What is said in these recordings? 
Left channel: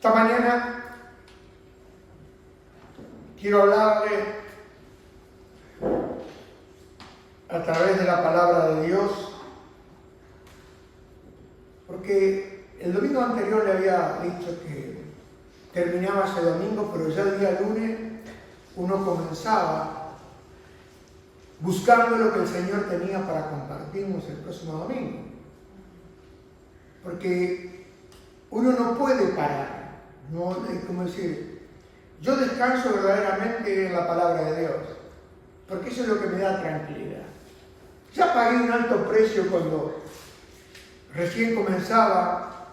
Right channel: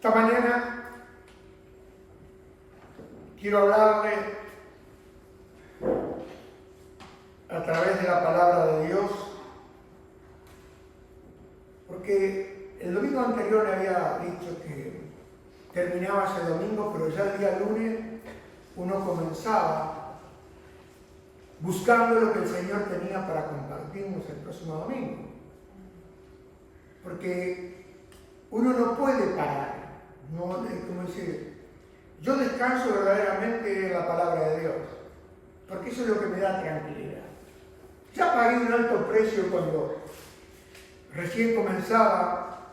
Esta mañana quiero hablarle a través de la palabra de Dios, porque el domingo anterior le había dicho que terminaba ese domingo, pero ya el día lunes uno comenzaba buscando lo que el Señor tenía para compartirnos el próximo domingo. Porque uno no puede parar, no es como decir, yo descanso verdaderamente en la palabra de Dios, porque eso es lo que me da tranquilidad. Ya pagué un alto precio cuando recién comenzaba,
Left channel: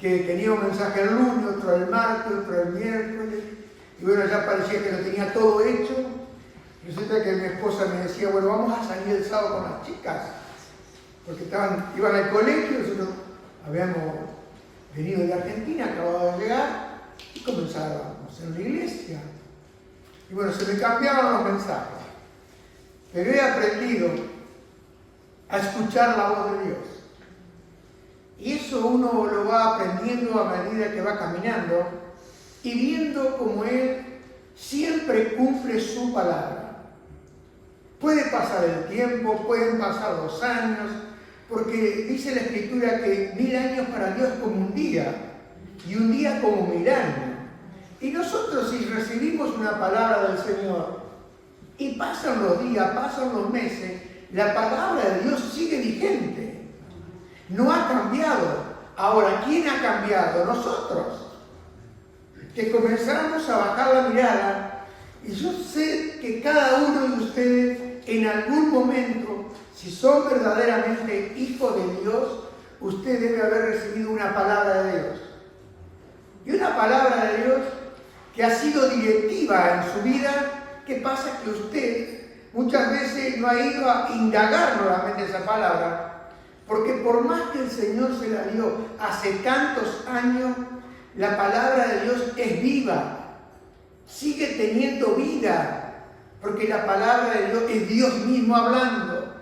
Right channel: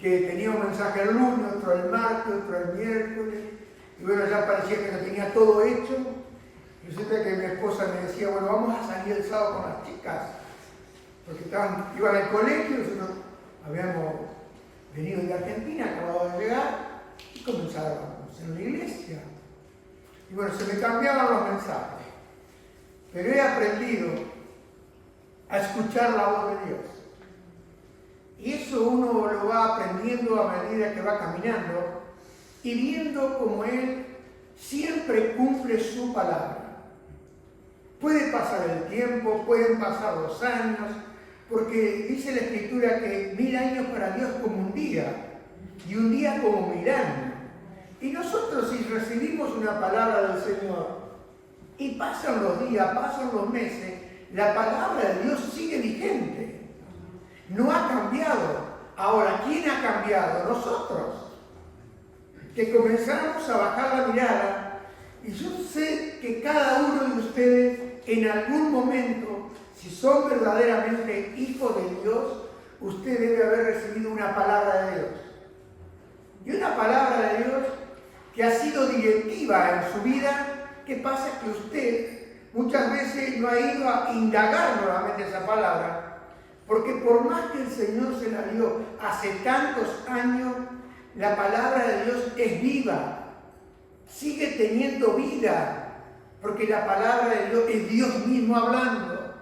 que tenía un mensaje el lunes, otro el martes, otro el miércoles, y bueno, ya parecía que lo tenía todo hecho. Resulta que mi esposa me decía, bueno, vamos a salir el sábado con las chicas, porque iban al colegio, nosotros habíamos venido de Argentina, acababa de llegar, y comenzábamos en la iglesia. Y bueno, se me cambiaban los mensajes, pero he aprendido a escuchar la voz de Dios. Y eso uno lo va aprendiendo a medida que va caminando y viendo cómo Él siempre cumple su palabra. Puede pasar el tiempo, pueden pasar 2 años, porque dice la Escritura que 1000 años para Dios como un día, y un día como 1000 años. Y nosotros, si recibimos una palabra del Señor, y pasan los días, pasan los meses, la palabra de Dios sigue vigente. No ha cambiado. Ahora, ¿quién ha cambiado? Nosotros. Que comenzamos a bajar la mirada, y yo sé que cada uno de ustedes, en algún momento, si son verdaderamente hijos de Dios, usted debe haber recibido una palabra de Dios. Y una palabra de Dios que ha sido directiva en su vida. ¿Qué pasa? Que usted muchas veces no ha ido a indagar nuevamente esa palabra, porque por más que el Señor se la dio hace tantos años, la palabra de Dios es viva, sigue teniendo vida, porque la palabra de Dios es Dios mismo hablando.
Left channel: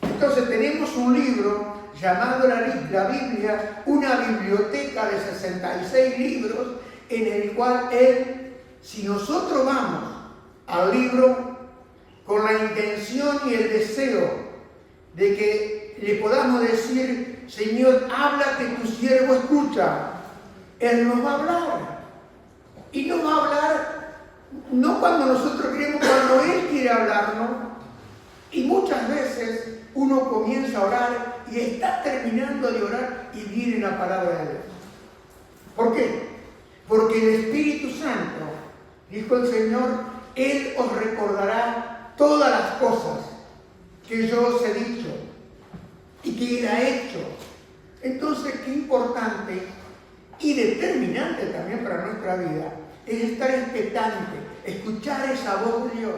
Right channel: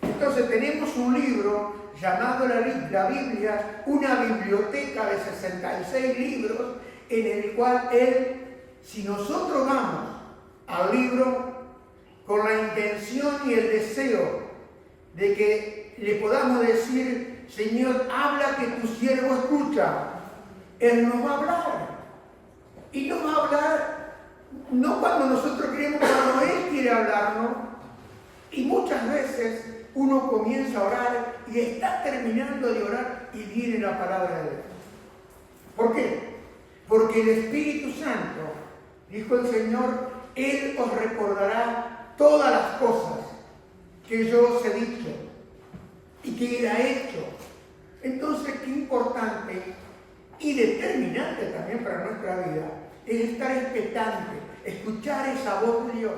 Entonces tenemos un libro llamado la Biblia, una biblioteca de 66 libros, en el cual si nosotros vamos al libro con la intención y el deseo de que le podamos decir, Señor, habla que tu siervo escucha, Él nos va a hablar. Y nos va a hablar no cuando nosotros queremos, cuando Él quiere hablarnos. Y muchas veces uno comienza a orar y está terminando de orar y viene la palabra de Dios. ¿Por qué? Porque el Espíritu Santo, dijo el Señor, Él os recordará todas las cosas que yo os he dicho y que Él ha hecho. Entonces, qué importante y determinante también para nuestra vida es estar expectante, escuchar esa voz de Dios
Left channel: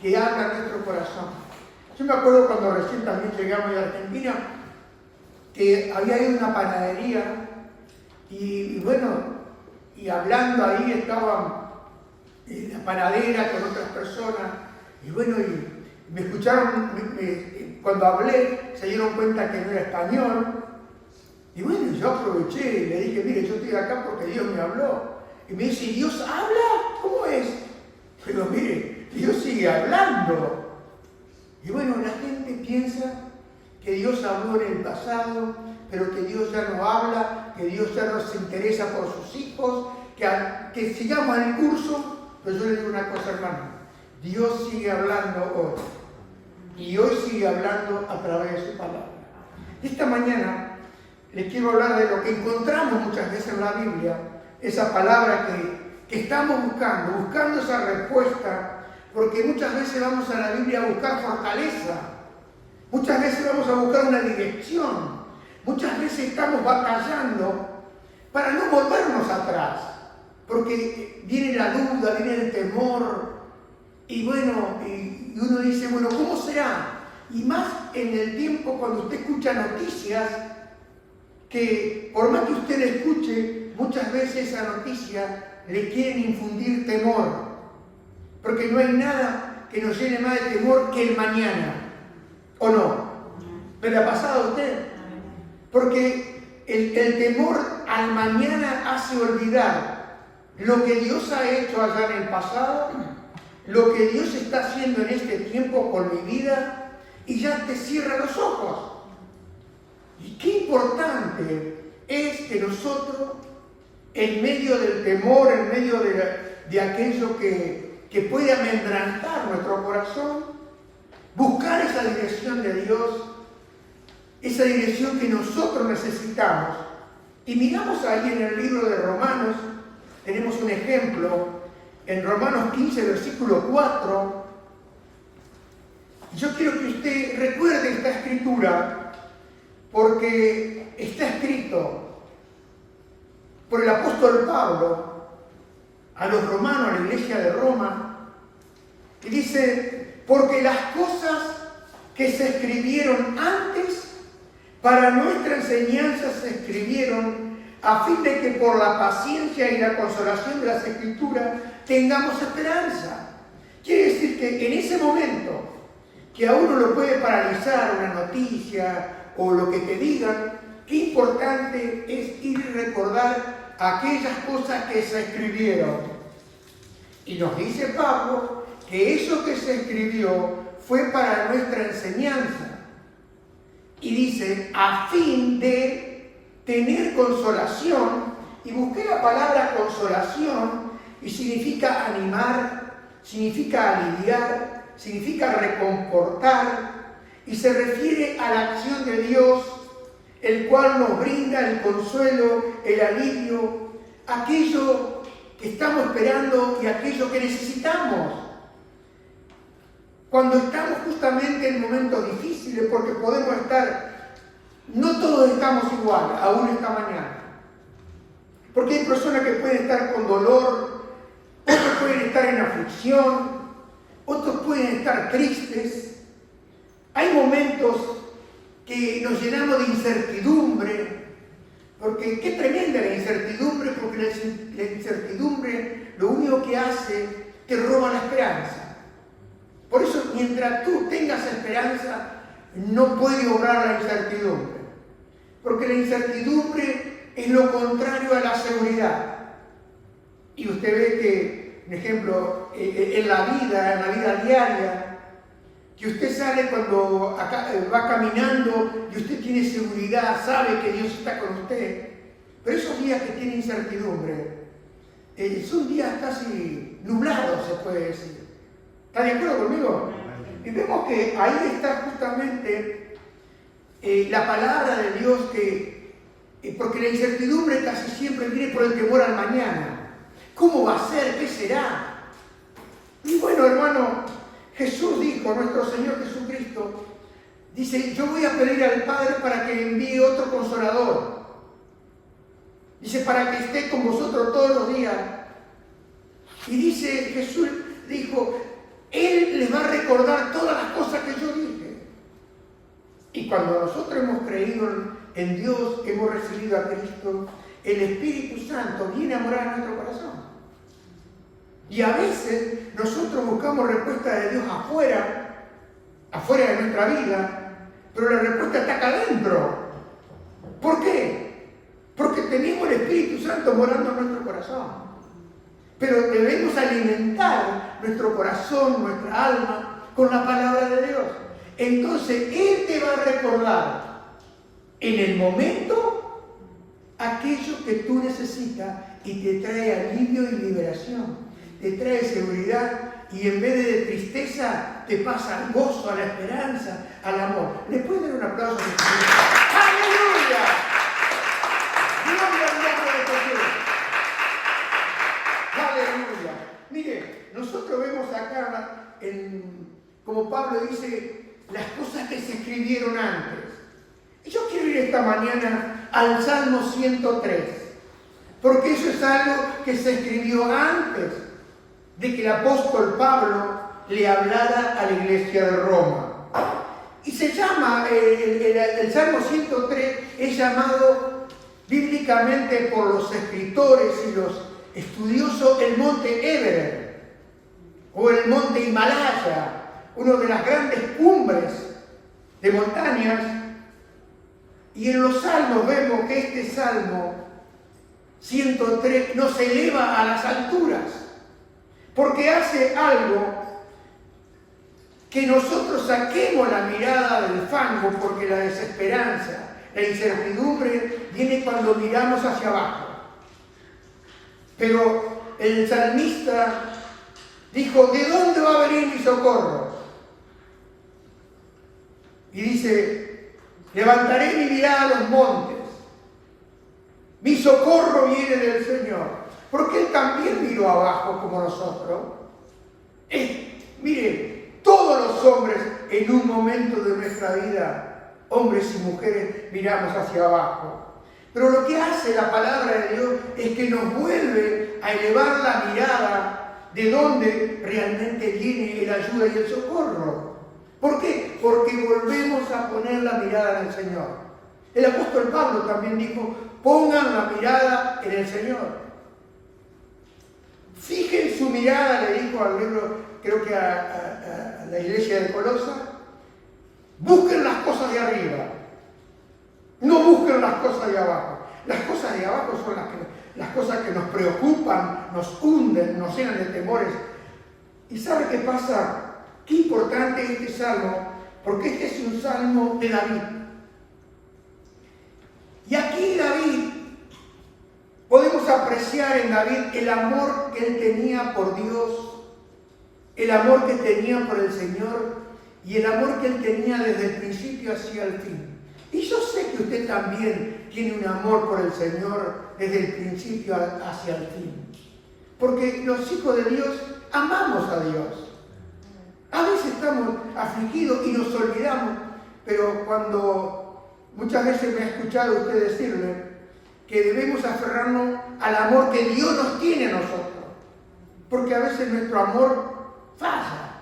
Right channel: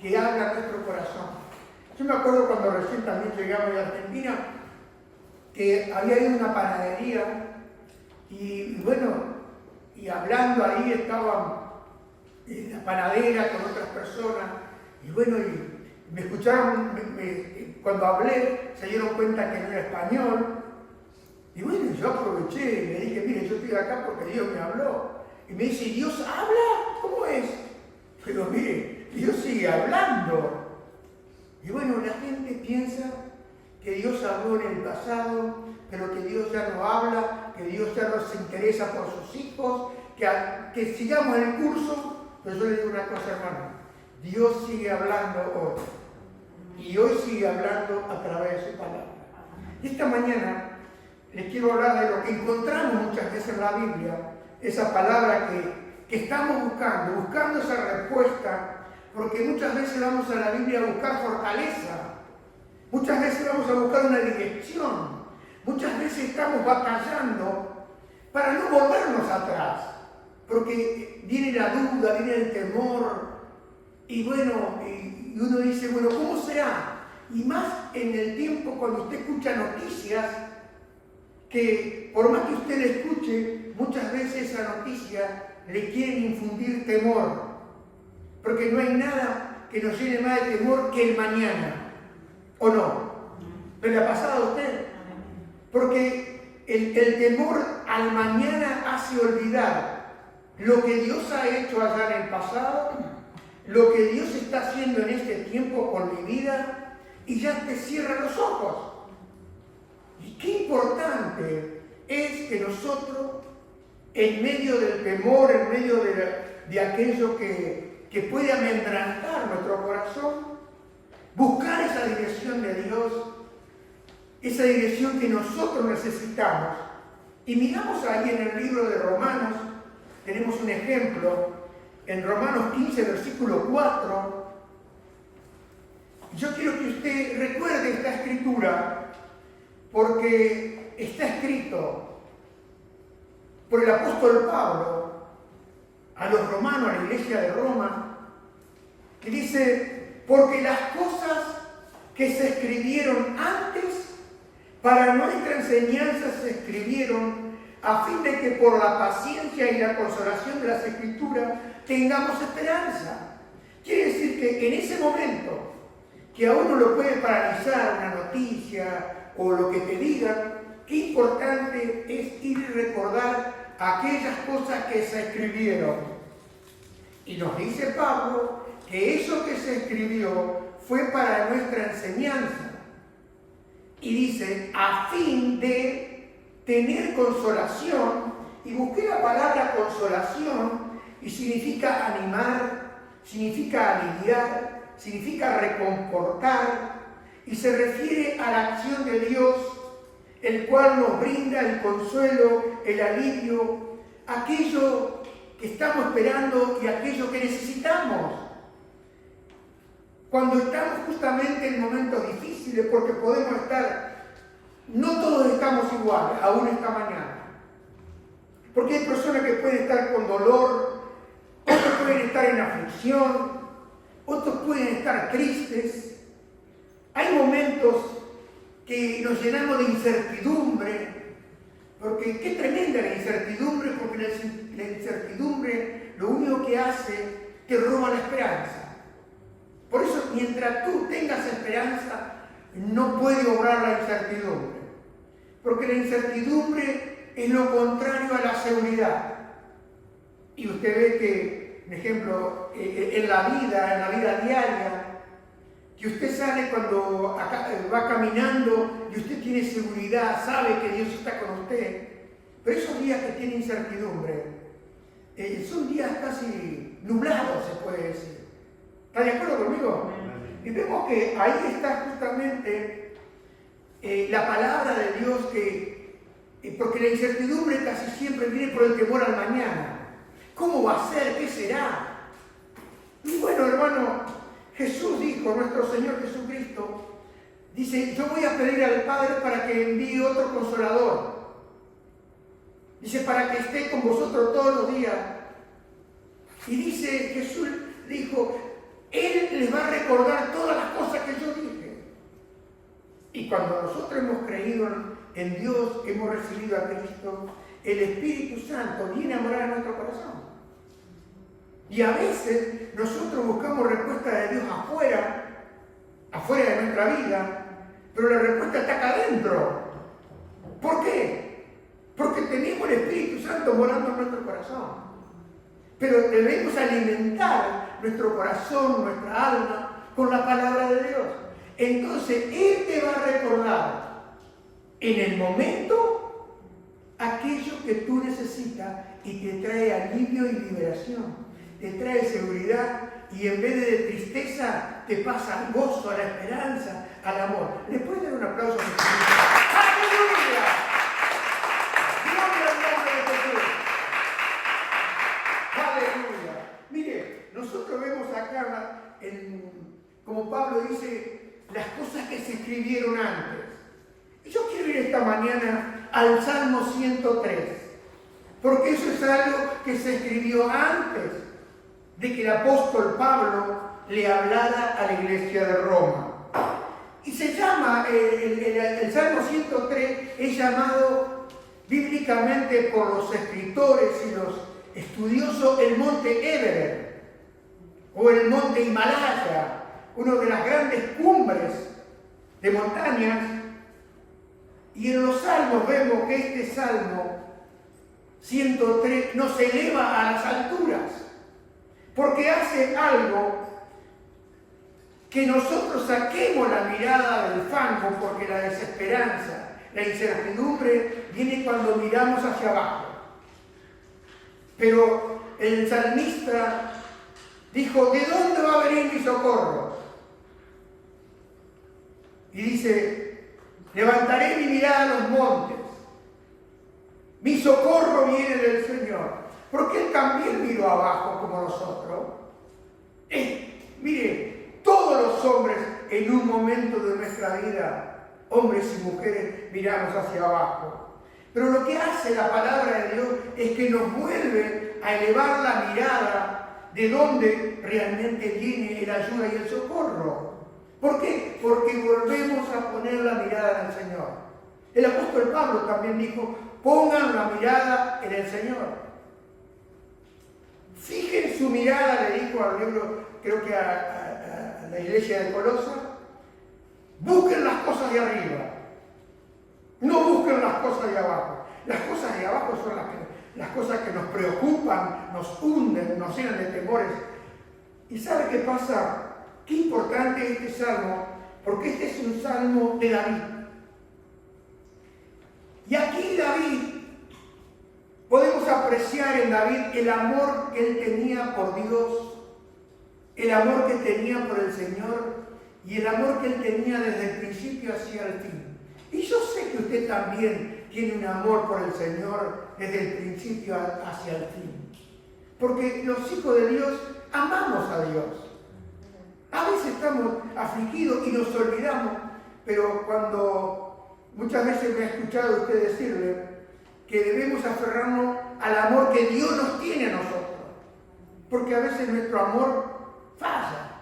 que habla a nuestro corazón. Yo me acuerdo cuando recién también llegamos de Argentina, que había ido a una panadería y bueno, y hablando ahí estaban la panadera con otras personas, y bueno, y me escucharon, cuando hablé se dieron cuenta que no era español, y bueno, yo aproveché y le dije, mire, yo estoy acá porque Dios me habló. Y me dice, ¿Dios habla? ¿Cómo es? Pero mire, Dios sigue hablando. Y bueno, la gente piensa que Dios habló en el pasado, pero que Dios ya no habla, que Dios ya no se interesa por sus hijos, que sigamos el curso. Pero yo le digo una cosa, hermano, Dios sigue hablando hoy. Y hoy sigue hablando a través de su palabra. Esta mañana les quiero hablar de lo que encontramos muchas veces en la Biblia, esa palabra que estamos buscando esa respuesta, porque muchas veces vamos a la Biblia a buscar fortaleza, muchas veces vamos a buscar una dirección, muchas veces estamos batallando para no volvernos atrás, porque viene la duda, viene el temor, y bueno, y uno dice, bueno, ¿cómo será? Y más en el tiempo cuando usted escucha noticias, que por más que usted la escuche, muchas veces esa noticia le quieren infundir temor, porque no hay nada que nos llene más de temor que el mañana, ¿o no? ¿Me la ha pasado a usted? Porque el temor al mañana hace olvidar lo que Dios ha hecho allá en el pasado, lo que Dios está haciendo en este tiempo con mi vida, y ya te cierra los ojos. Y qué importante es que nosotros, en medio del temor, en medio de aquello que puede amedrentar nuestro corazón, buscar esa dirección de Dios, esa dirección que nosotros necesitamos. Y miramos ahí en el libro de Romanos, tenemos un ejemplo, en Romanos 15, versículo 4. Yo quiero que usted recuerde esta escritura, porque está escrito por el apóstol Pablo a los romanos, a la iglesia de Roma, y dice: porque las cosas que se escribieron antes para nuestra enseñanza se escribieron a fin de que por la paciencia y la consolación de las Escrituras tengamos esperanza. Quiere decir que en ese momento que a uno lo puede paralizar una noticia o lo que te digan, qué importante es ir y recordar aquellas cosas que se escribieron. Y nos dice Pablo que eso que se escribió fue para nuestra enseñanza. Y dice, a fin de tener consolación, y busqué la palabra consolación, y significa animar, significa aliviar, significa reconfortar, y se refiere a la acción de Dios, el cual nos brinda el consuelo, el alivio, aquello que estamos esperando y aquello que necesitamos. Cuando estamos justamente en momentos difíciles, porque podemos estar, no todos estamos iguales, aún esta mañana. Porque hay personas que pueden estar con dolor, otros pueden estar en aflicción, otros pueden estar tristes. Hay momentos que nos llenamos de incertidumbre, porque qué tremenda la incertidumbre, porque la incertidumbre lo único que hace te roba la esperanza. Por eso, mientras tú tengas esperanza, no puede obrar la incertidumbre. Porque la incertidumbre es lo contrario a la seguridad. Y usted ve que, por ejemplo, en la vida diaria, que usted sale cuando va caminando y usted tiene seguridad, sabe que Dios está con usted. Pero esos días que tiene incertidumbre, son días casi nublados, se puede decir. ¿Está de acuerdo conmigo? Y vemos que ahí está justamente la palabra de Dios, porque la incertidumbre casi siempre viene por el temor al mañana. ¿Cómo va a ser? ¿Qué será? Y bueno, hermano, Jesús dijo, nuestro Señor Jesucristo, dice, yo voy a pedir al Padre para que envíe otro consolador. Dice, para que esté con vosotros todos los días. Y dice, Jesús dijo, Él les va a recordar todas las cosas que yo dije. Y cuando nosotros hemos creído en Dios, hemos recibido a Cristo, el Espíritu Santo viene a morar en nuestro corazón. Y a veces nosotros buscamos respuesta de Dios afuera de nuestra vida, pero la respuesta está acá adentro. ¿Por qué? Porque tenemos el Espíritu Santo morando en nuestro corazón. Pero debemos alimentar nuestro corazón, nuestra alma, con la palabra de Dios. Entonces, Él te va a recordar en el momento aquello que tú necesitas y te trae alivio y liberación. Te trae seguridad y en vez de tristeza te pasa al gozo, a la esperanza, al amor. ¿Le pueden dar un aplauso a Jesús? ¡Aleluya! ¡Gloria al nombre de Jesús! ¡Aleluya! Mire, nosotros vemos acá, como Pablo dice, las cosas que se escribieron antes. Y yo quiero ir esta mañana al Salmo 103, porque eso es algo que se escribió antes de que el apóstol Pablo le hablara a la iglesia de Roma. Y se llama, el Salmo 103 es llamado bíblicamente por los escritores y los estudiosos el monte Everest o el monte Himalaya, una de las grandes cumbres de montañas Y en los salmos vemos que este salmo 103 nos eleva a las alturas, porque hace algo que nosotros saquemos la mirada del fango, porque la desesperanza, la incertidumbre viene cuando miramos hacia abajo. Pero el salmista dijo, ¿de dónde va a venir mi socorro? Y dice, levantaré mi mirada a los montes. Mi socorro viene del Señor. Porque Él también miró abajo como nosotros. Mire, todos los hombres en un momento de nuestra vida, hombres y mujeres, miramos hacia abajo. Pero lo que hace la palabra de Dios es que nos vuelve a elevar la mirada de dónde realmente viene la ayuda y el socorro. ¿Por qué? Porque volvemos a poner la mirada en el Señor. El apóstol Pablo también dijo, pongan la mirada en el Señor. Fijen su mirada, le dijo al libro, creo que a la iglesia de Colosa, busquen las cosas de arriba, no busquen las cosas de abajo. Las cosas de abajo son las cosas que nos preocupan, nos hunden, nos llenan de temores. ¿Y sabe qué pasa? Qué importante es este salmo, porque este es un salmo de David. Y aquí David, podemos apreciar en David el amor que él tenía por Dios, el amor que tenía por el Señor y el amor que él tenía desde el principio hacia el fin. Y yo sé que usted también tiene un amor por el Señor desde el principio hacia el fin. Porque los hijos de Dios amamos a Dios. A veces estamos afligidos y nos olvidamos, pero cuando muchas veces me ha escuchado usted decirle que debemos aferrarnos al amor que Dios nos tiene a nosotros, porque a veces nuestro amor falla,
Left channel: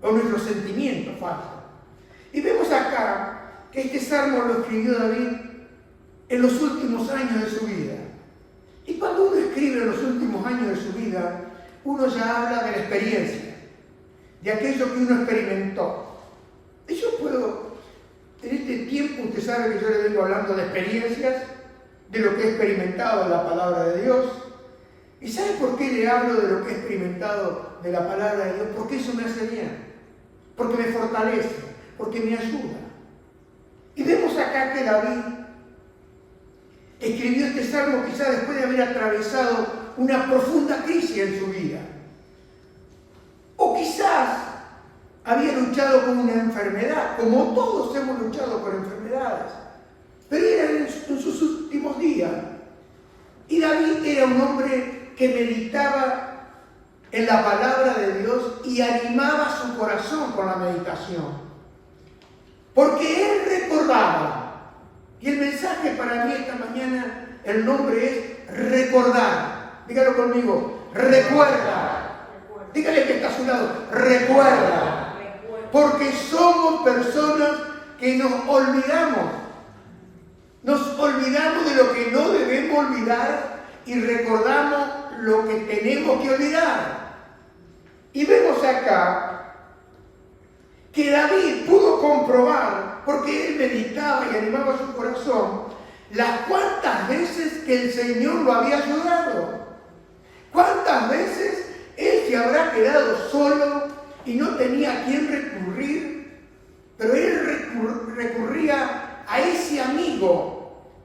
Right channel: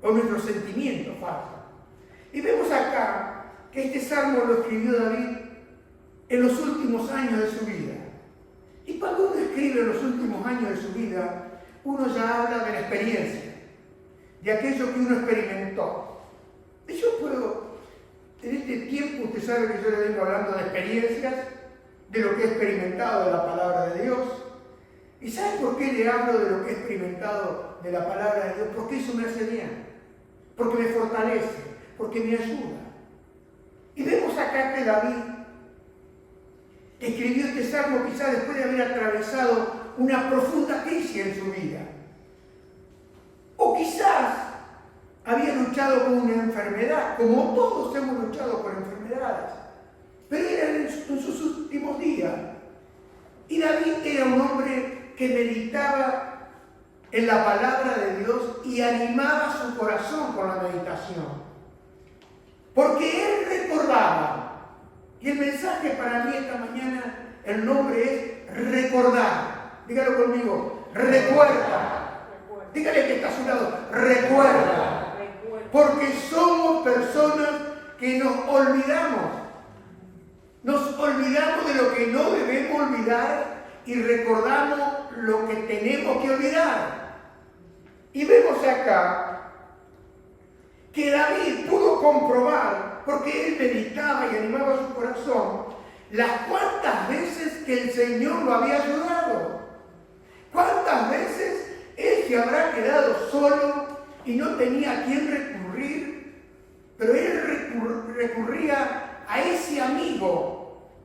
o nuestros sentimientos fallan. Y vemos acá que este salmo lo escribió David en los últimos años de su vida. Y cuando uno escribe en los últimos años de su vida, uno ya habla de la experiencia, de aquello que uno experimentó. Y yo puedo, en este tiempo, usted sabe que yo le vengo hablando de experiencias, de lo que he experimentado en la palabra de Dios. ¿Y sabe por qué le hablo de lo que he experimentado de la palabra de Dios? Porque eso me hace bien, porque me fortalece, porque me ayuda. Y vemos acá que David escribió este salmo quizás después de haber atravesado una profunda crisis en su vida. O quizás había luchado con una enfermedad, como todos hemos luchado con enfermedades. Pero era en sus últimos días. Y David era un hombre que meditaba en la palabra de Dios y animaba su corazón con la meditación. Porque él recordaba, y el mensaje para mí esta mañana, el nombre es recordar. Dígalo conmigo, recuerda. Dígale que está a su lado, recuerda. Porque somos personas que nos olvidamos. Nos olvidamos de lo que no debemos olvidar y recordamos lo que tenemos que olvidar. Y vemos acá que David pudo comprobar, porque él meditaba y animaba su corazón, las cuantas veces que el Señor lo había ayudado. Cuántas veces él se habrá quedado solo y no tenía a quién recurrir, pero él recurría a ese amigo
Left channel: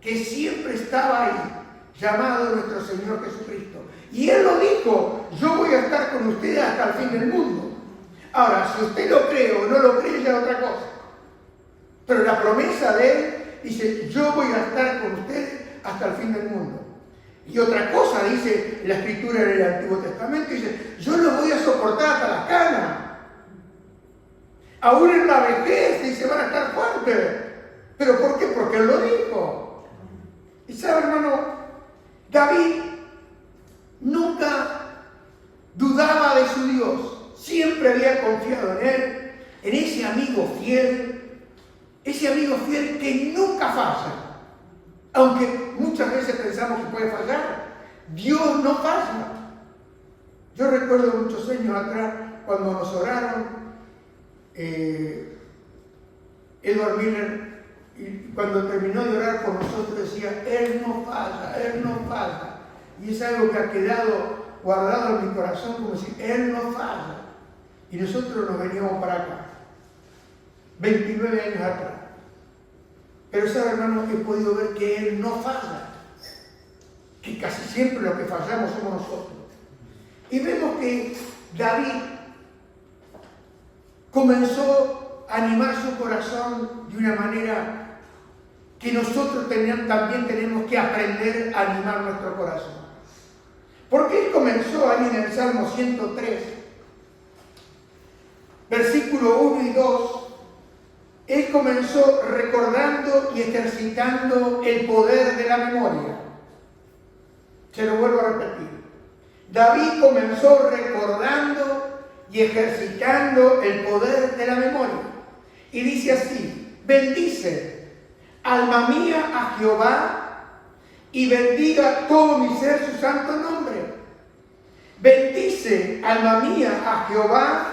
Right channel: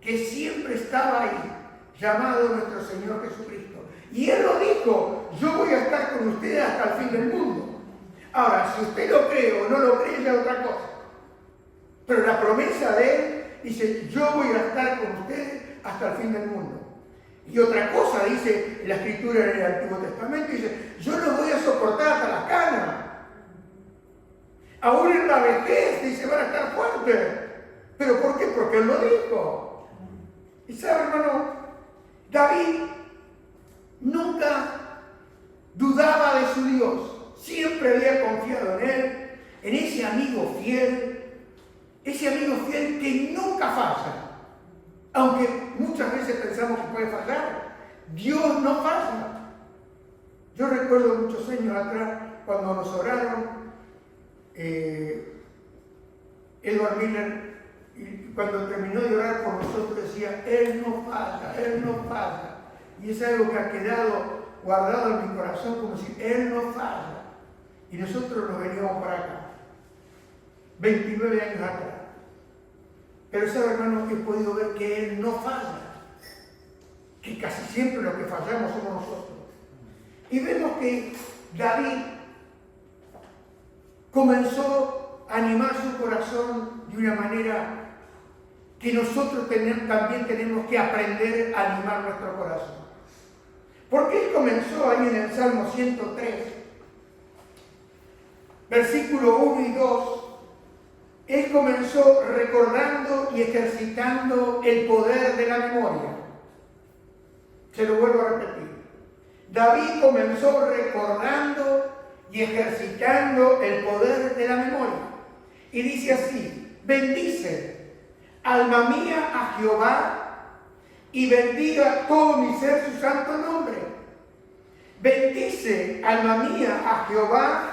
que siempre estaba ahí, llamado nuestro Señor Jesucristo. Y Él lo dijo, yo voy a estar con ustedes hasta el fin del mundo. Ahora, si usted lo cree o no lo cree, ya es otra cosa. Pero la promesa de Él dice, yo voy a estar con ustedes hasta el fin del mundo. Y otra cosa dice la Escritura en el Antiguo Testamento, dice, yo los voy a soportar hasta la cana. Aún en la vejez, dice, van a estar fuertes. ¿Pero por qué? Porque Él lo dijo. Y sabe, hermano, David nunca dudaba de su Dios. Siempre había confiado en Él, en ese amigo fiel que nunca falla. Aunque muchas veces pensamos que puede fallar, Dios no falla. Yo recuerdo muchos años atrás, cuando nos oraron, Edward Miller Y cuando terminó de orar por nosotros decía, Él no falla, Él no falla. Y es algo que ha quedado guardado en mi corazón como decir, Él no falla. Y nosotros nos veníamos para acá, 29 años atrás. Pero sabe, hermano, he podido ver que Él no falla, que casi siempre los que fallamos somos nosotros. Y vemos que David comenzó a animar su corazón de una manera que nosotros también tenemos que aprender a animar nuestro corazón. Porque él comenzó ahí en el Salmo 103, versículo 1 y 2, él comenzó recordando y ejercitando el poder de la memoria. Se lo vuelvo a repetir. David comenzó recordando y ejercitando el poder de la memoria. Y dice así, bendice, alma mía, a Jehová, y bendiga todo mi ser su santo nombre. Bendice, alma mía, a Jehová,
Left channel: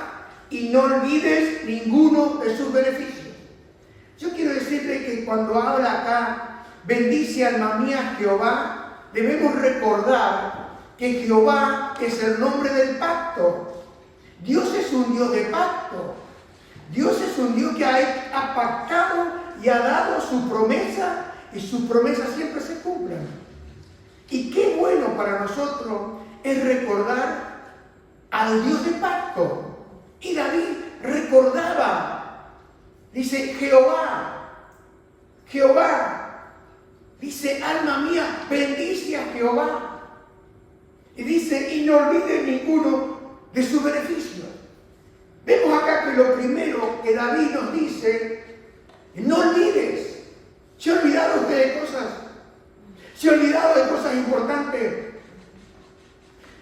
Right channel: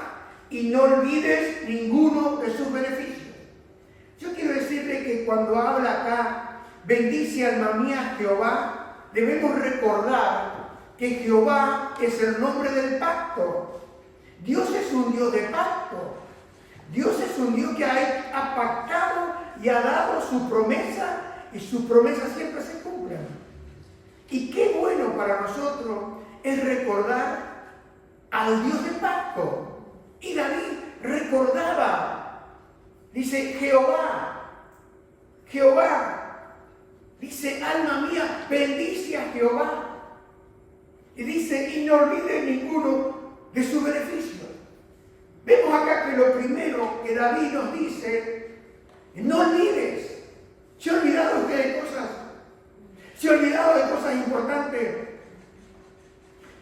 y no olvides ninguno de sus beneficios. Yo quiero decirle que cuando habla acá, bendice, alma mía, a Jehová, debemos recordar que Jehová es el nombre del pacto. Dios es un Dios de pacto. Dios es un Dios que ha pactado y ha dado su promesa, y sus promesas siempre se cumplen. Y qué bueno para nosotros es recordar al Dios de pacto. Y David recordaba, dice Jehová, Jehová, dice alma mía, bendice a Jehová. Y dice, y no olvides ninguno de sus beneficios. Vemos acá que lo primero que David nos dice, no olvides. ¿Se ha olvidado usted de cosas? ¿Se ha olvidado de cosas importantes?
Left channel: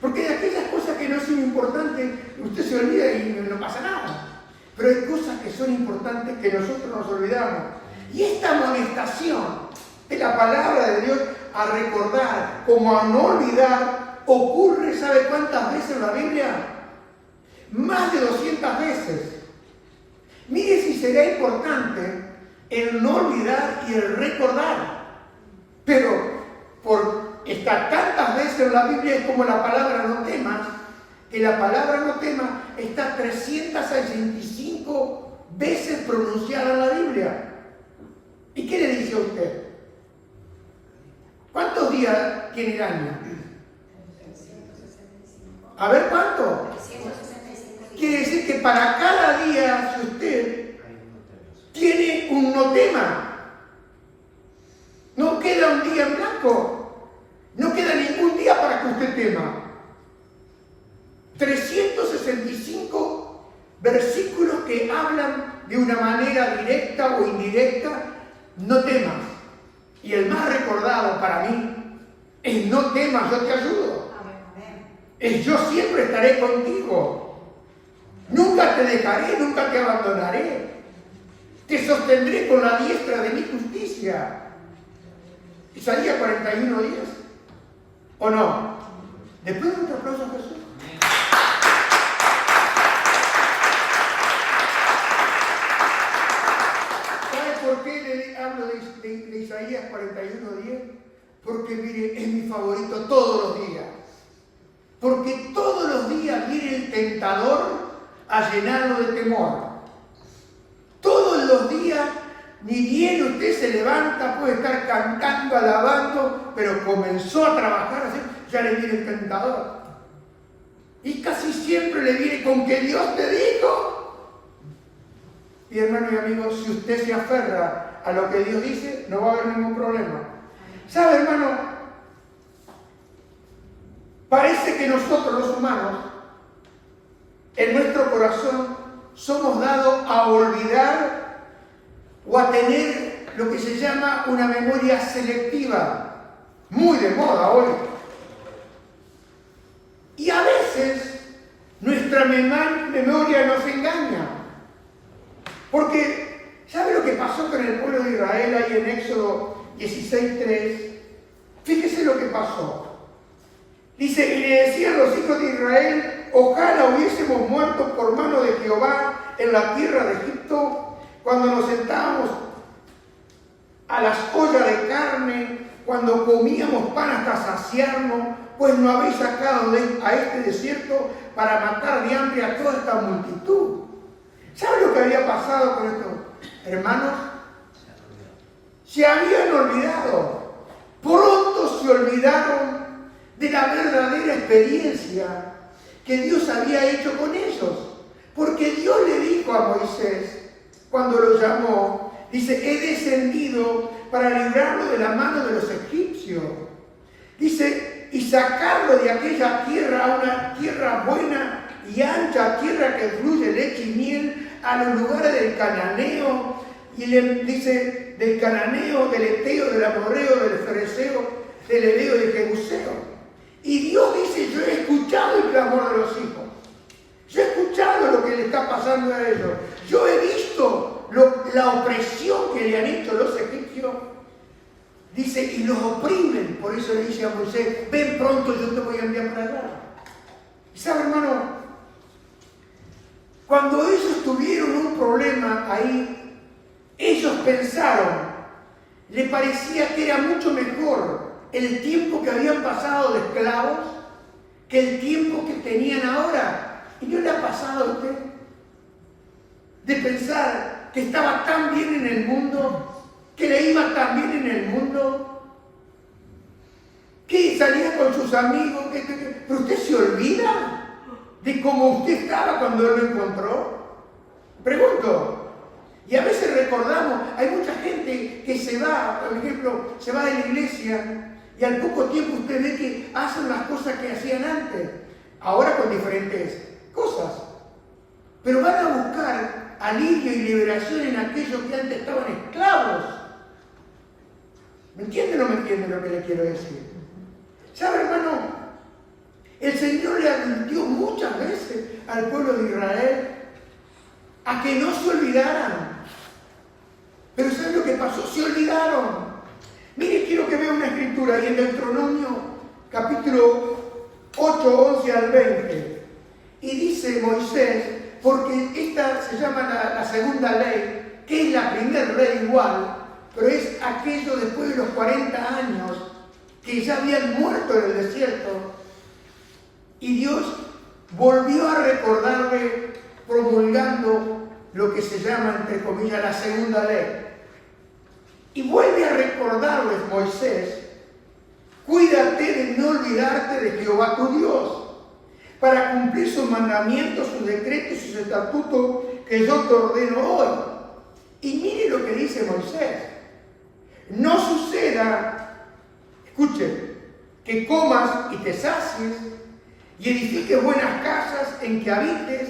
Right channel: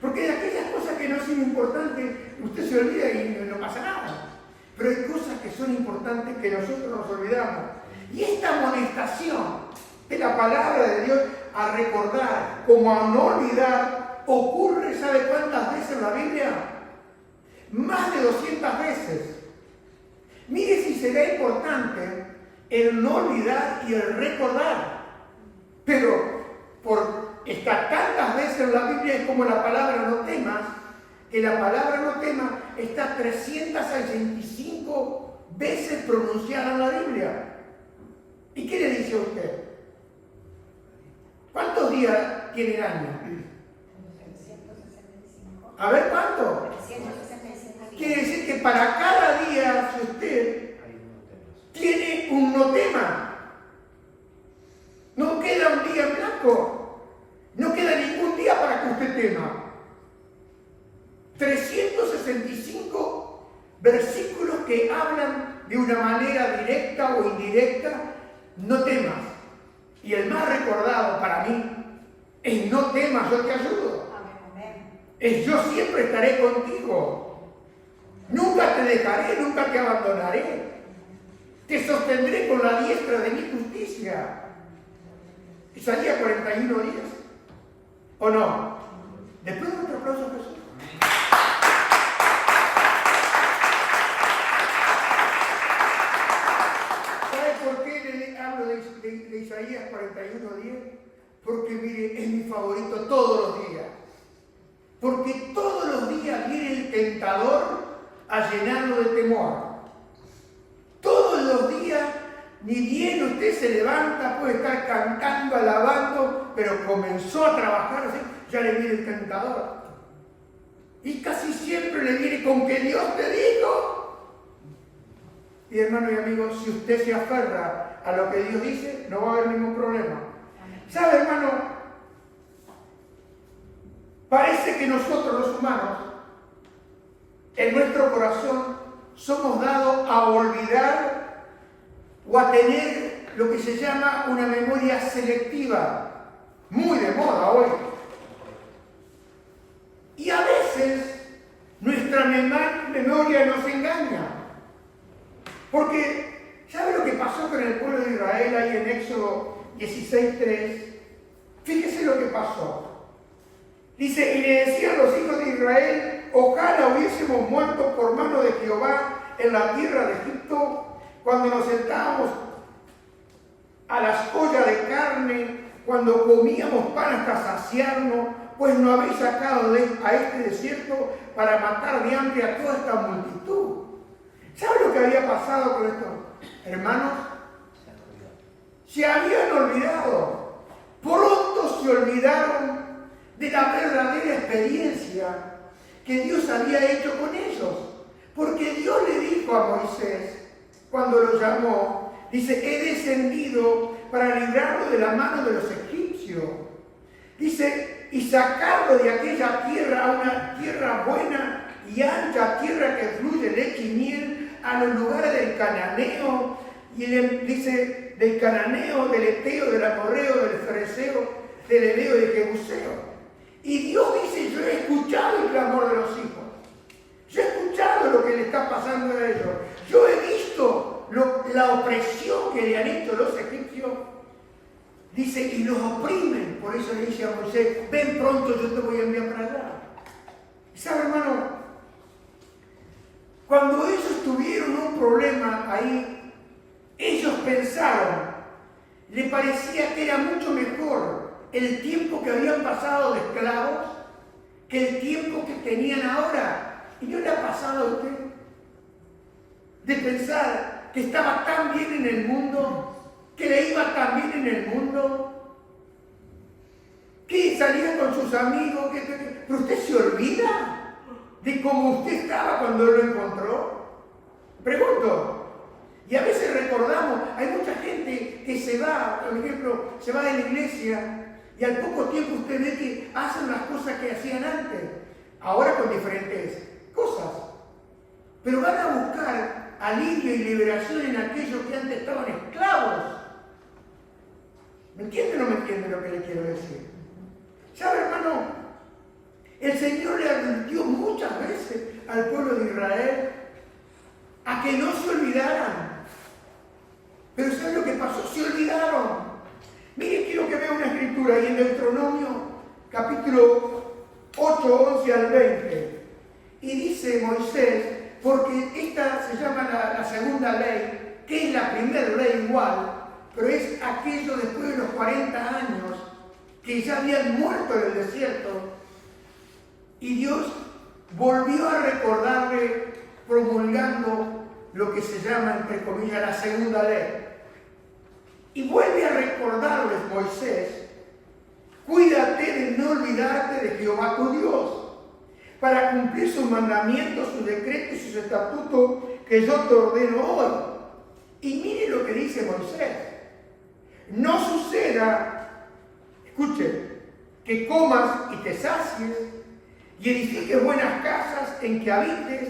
Porque de aquellas cosas que no son importantes, usted se olvida y no pasa nada. Pero hay cosas que son importantes que nosotros nos olvidamos. Y esta amonestación de la palabra de Dios a recordar como a no olvidar ocurre, ¿sabe cuántas veces en la Biblia? Más de 200 veces. Mire si será importante el no olvidar y el recordar. Pero por estar tantas veces en la Biblia es como la palabra no temas, que la palabra no temas está 365 veces pronunciada en la Biblia. ¿Y qué le dice a usted? ¿Cuántos días tiene el año? A ver, ¿cuánto? Quiere decir que para cada día, si usted tiene un no tema, no queda un día en blanco, no queda ningún día para que usted tema. 365 versículos que hablan de una manera directa o indirecta, no temas. Y el más recordado para mí es no temas, yo te ayudo. Es yo siempre estaré contigo. Nunca te dejaré, nunca te abandonaré. Te sostendré con la diestra de mi justicia. Isaías 41 días. ¿O no? Después de otro aplauso a Jesús. ¿Sabe por qué le hablo de Isaías 41:10? Porque mire, es mi favorito todos los días. Porque todos los días viene el tentador a llenarlo de temor. Todos los días, ni bien usted se levanta, puede estar cantando, alabando, pero comenzó a trabajar así, ya le viene el tentador. Y casi siempre le viene con que Dios te dijo. Y hermano y amigo, si usted se aferra a lo que Dios dice, no va a haber ningún problema. ¿Sabe, hermano? Parece que nosotros los humanos, en nuestro corazón, somos dados a olvidar o a tener lo que se llama una memoria selectiva, muy de moda hoy. Y a veces nuestra memoria nos engaña. Porque, ¿sabe lo que pasó con el pueblo de Israel ahí en Éxodo 16:3? Fíjese lo que pasó. Dice, y le decían los hijos de Israel, ojalá hubiésemos muerto por mano de Jehová en la tierra de Egipto, cuando nos sentábamos a las ollas de carne, cuando comíamos pan hasta saciarnos, pues no habéis sacado a este desierto para matar de hambre a toda esta multitud. ¿Sabe lo que había pasado con estos hermanos? Se habían olvidado. Pronto se olvidaron de la verdadera experiencia que Dios había hecho con ellos. Porque Dios le dijo a Moisés, cuando lo llamó, dice, he descendido para librarlo de la mano de los egipcios. Dice, y sacarlo de aquella tierra a una tierra buena y ancha, tierra que fluye leche y miel, a los lugares del cananeo, y dice, del cananeo, del eteo, del amorreo, del fereceo, del hereo y del jebuseo. Y Dios dice, yo he escuchado el clamor de los hijos. Yo he escuchado lo que le está pasando a ellos. Yo he visto la opresión que le han hecho los egipcios. Dice, y los oprimen. Por eso le dice a Moisés, ven pronto, yo te voy a enviar para allá. ¿Sabe, hermano? Cuando ellos tuvieron un problema ahí, ellos pensaron, le parecía que era mucho mejor el tiempo que habían pasado de esclavos que el tiempo que tenían ahora. ¿Y no le ha pasado a usted de pensar que estaba tan bien en el mundo, que le iba tan bien en el mundo, que salía con sus amigos, pero usted se olvida de cómo usted estaba cuando él lo encontró? Pregunto. Y a veces recordamos, hay mucha gente que se va, por ejemplo, se va de la iglesia y al poco tiempo usted ve que hacen las cosas que hacían antes, ahora con diferentes cosas. Pero van a buscar alivio y liberación en aquellos que antes estaban esclavos. ¿Me entiende o no me entiende lo que le quiero decir? ¿Sabe, hermano? El Señor le advirtió muchas veces al pueblo de Israel a que no se olvidaran. Pero ¿sabe lo que pasó? Se olvidaron. Mire, quiero que vea una escritura ahí en Deuteronomio, capítulo 8, 11 al 20. Y dice Moisés, porque esta se llama la segunda ley, que es la primera ley igual, pero es aquello después de los 40 años que ya habían muerto en el desierto. Y Dios volvió a recordarle promulgando lo que se llama, entre comillas, la segunda ley. Y vuelve a recordarles Moisés, cuídate de no olvidarte de Jehová tu Dios, para cumplir sus mandamientos, sus decretos y sus estatutos que yo te ordeno hoy. Y mire lo que dice Moisés. No suceda, escuche, que comas y te sacies y edifiques buenas casas en que habites,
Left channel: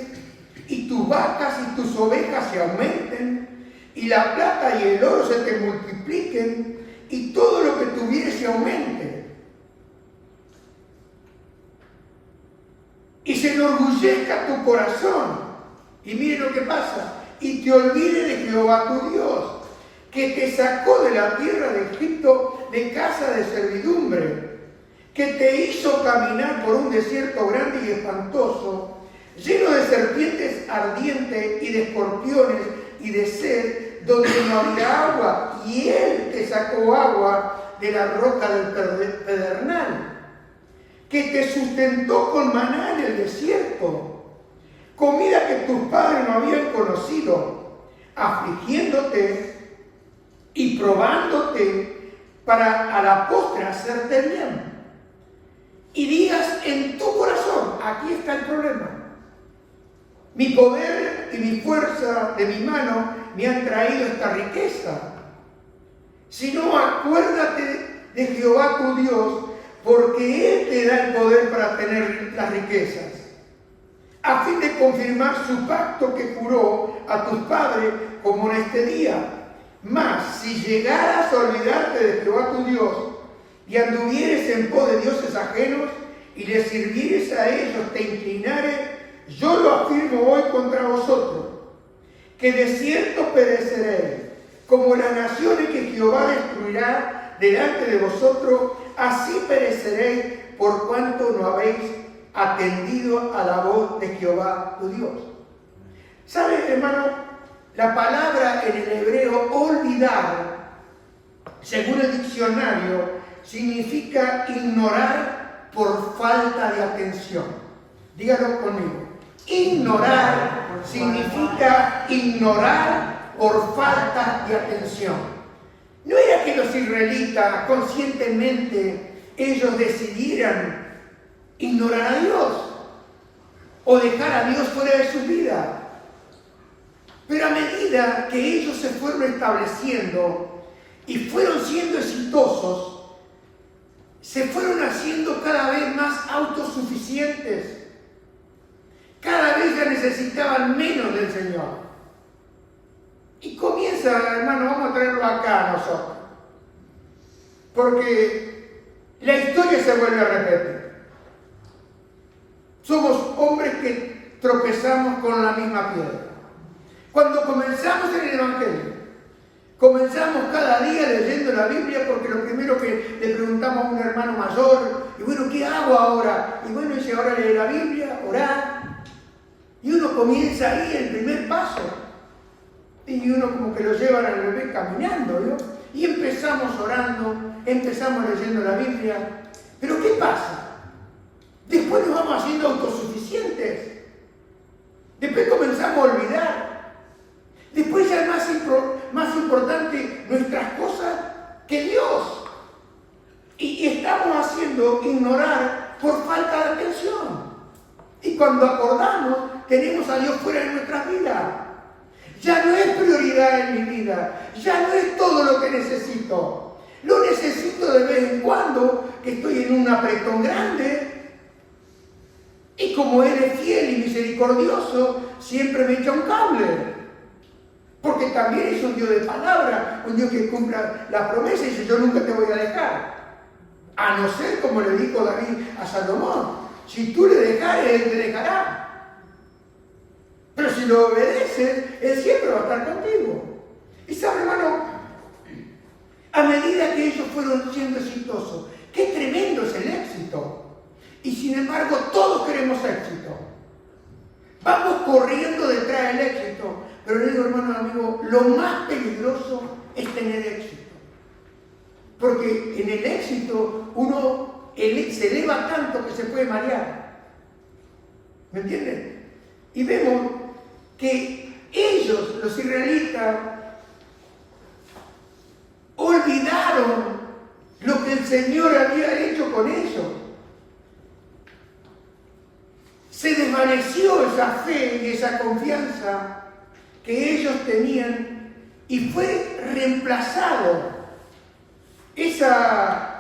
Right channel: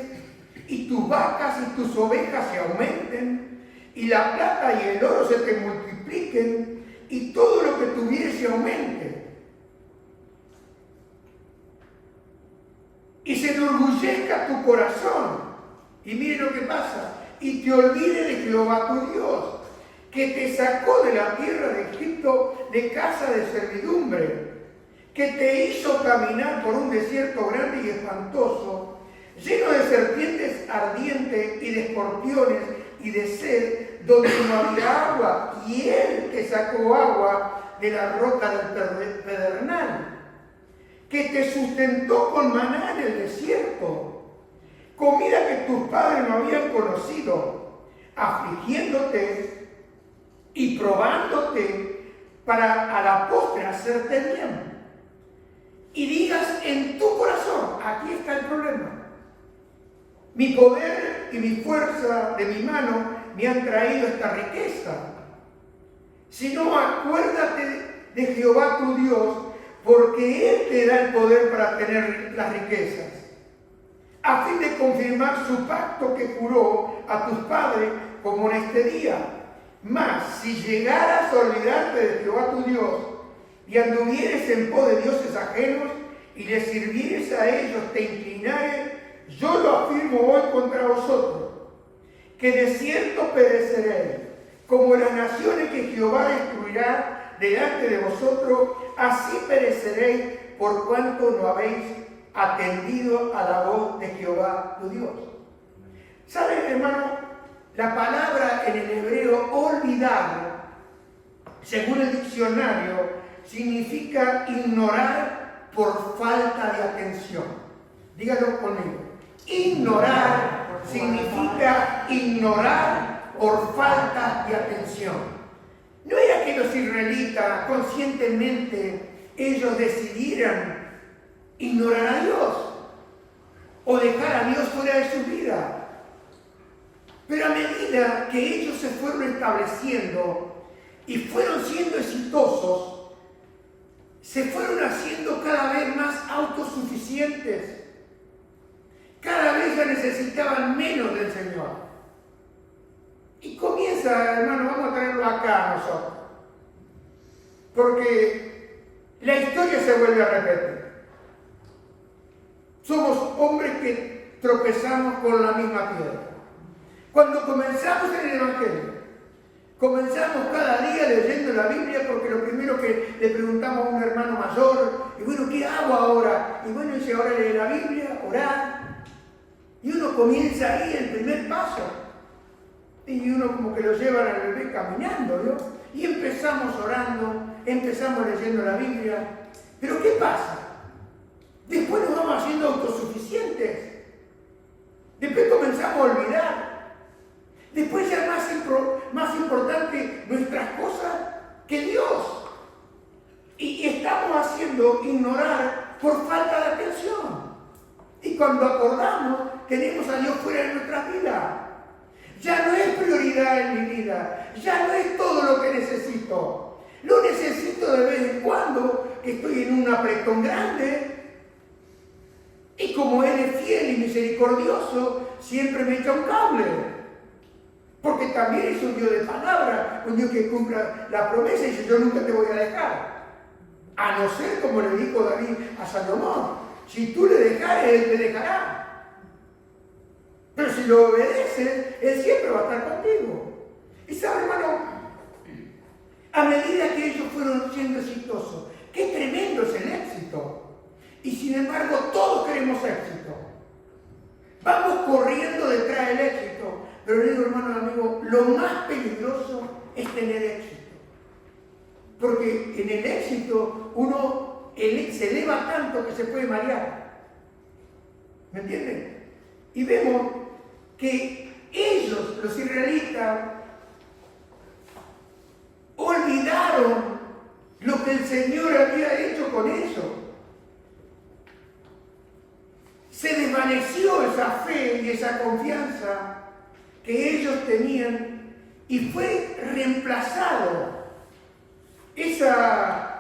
y tus vacas y tus ovejas se aumenten, y la plata y el oro se te multipliquen, y todo lo que tuvieres se aumente. Y se enorgullezca tu corazón. Y mire lo que pasa. Y te olvides de Jehová tu Dios, que te sacó de la tierra de Egipto de casa de servidumbre, que te hizo caminar por un desierto grande y espantoso, lleno de serpientes ardientes y de escorpiones y de sed, donde no había agua, y él te sacó agua de la roca del pedernal, que te sustentó con maná en el desierto, comida que tus padres no habían conocido, afligiéndote y probándote para a la postre hacerte bien. Y digas en tu corazón, aquí está el problema, mi poder y mi fuerza de mi mano me han traído esta riqueza. Si no, acuérdate de Jehová tu Dios, porque Él te da el poder para tener las riquezas, a fin de confirmar su pacto que juró a tus padres como en este día. Mas, si llegaras a olvidarte de Jehová tu Dios, y anduvieres en pos de dioses ajenos, y les sirvieres a ellos, te inclinares, yo lo afirmo hoy contra vosotros, que de cierto pereceréis, como las naciones que Jehová destruirá delante de vosotros, así pereceréis por cuanto no habéis atendido a la voz de Jehová tu Dios. ¿Saben, hermano? La palabra en el hebreo olvidar según el diccionario, significa ignorar por falta de atención. Dígalo conmigo. Ignorar significa ignorar por falta de atención. No era que los israelitas conscientemente ellos decidieran ignorar a Dios o dejar a Dios fuera de su vida. Pero a medida que ellos se fueron estableciendo y fueron siendo exitosos, se fueron haciendo cada vez más autosuficientes. Cada vez ya necesitaban menos del Señor. Y comienza, hermano, vamos a traerlo acá a nosotros. Porque la historia se vuelve a repetir. Somos hombres que tropezamos con la misma piedra. Cuando comenzamos en el Evangelio, comenzamos cada día leyendo la Biblia porque lo primero que le preguntamos a un hermano mayor, y bueno, ¿qué hago ahora? Y bueno, dice, ahora lee la Biblia, orar. Y uno comienza ahí el primer paso. Y uno como que lo lleva al bebé caminando, ¿no? Y empezamos orando, empezamos leyendo la Biblia. Pero ¿qué pasa? Después nos vamos haciendo autosuficientes. Después comenzamos a olvidar. Después ya es más importante nuestras cosas que Dios. Y estamos haciendo ignorar por falta de atención. Y cuando acordamos, tenemos a Dios fuera de nuestras vidas. Ya no es prioridad en mi vida. Ya no es todo lo que necesito. Lo necesito de vez en cuando, que estoy en un apretón grande. Y como Él es fiel y misericordioso, siempre me echa un cable. Porque también es un Dios de palabra, un Dios que cumpla la promesa y dice, yo nunca te voy a dejar. A no ser, como le dijo David a Salomón, si tú le dejares, Él te dejará. Pero si lo obedeces, Él siempre va a estar contigo. Y sabe, hermano, a medida que ellos fueron siendo exitosos, qué tremendo es el éxito. Y sin embargo, todos queremos éxito. Vamos corriendo detrás del éxito. Pero le digo, hermano, amigo, lo más peligroso es tener éxito. Porque en el éxito uno se eleva tanto que se puede marear. ¿Me entienden? Y vemos que ellos, los israelitas, olvidaron lo que el Señor había hecho con ellos. Se desvaneció esa fe y esa confianza que ellos tenían y fue reemplazado esa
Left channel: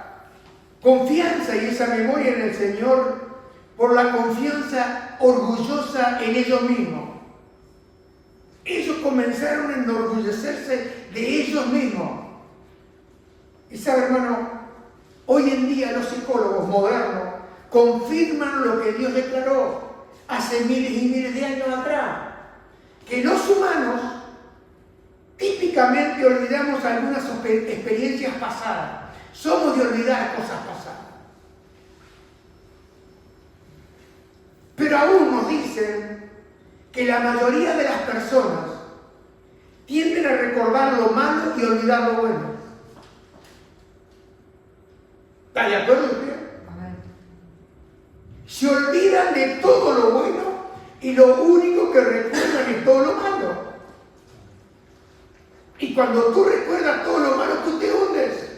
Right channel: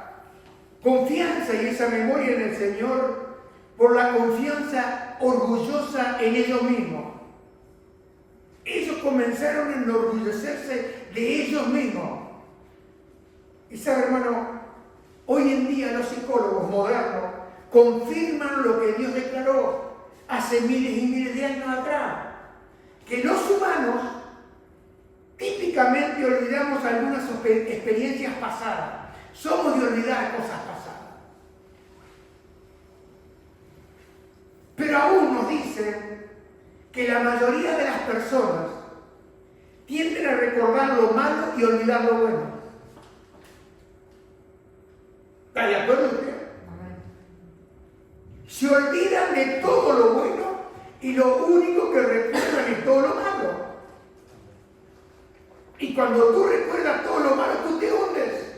confianza y esa memoria en el Señor por la confianza orgullosa en ellos mismos. Ellos comenzaron a enorgullecerse de ellos mismos. Y sabe, hermano, hoy en día los psicólogos modernos confirman lo que Dios declaró hace miles y miles de años atrás. Que los humanos típicamente olvidamos algunas experiencias pasadas. Somos de olvidar cosas pasadas. Pero aún nos dicen que la mayoría de las personas tienden a recordar lo malo y olvidar lo bueno. ¿Está de acuerdo usted? Se olvidan de todo lo bueno y lo único que recuerdan es todo lo malo. Y cuando tú recuerdas todo lo malo, tú te hundes.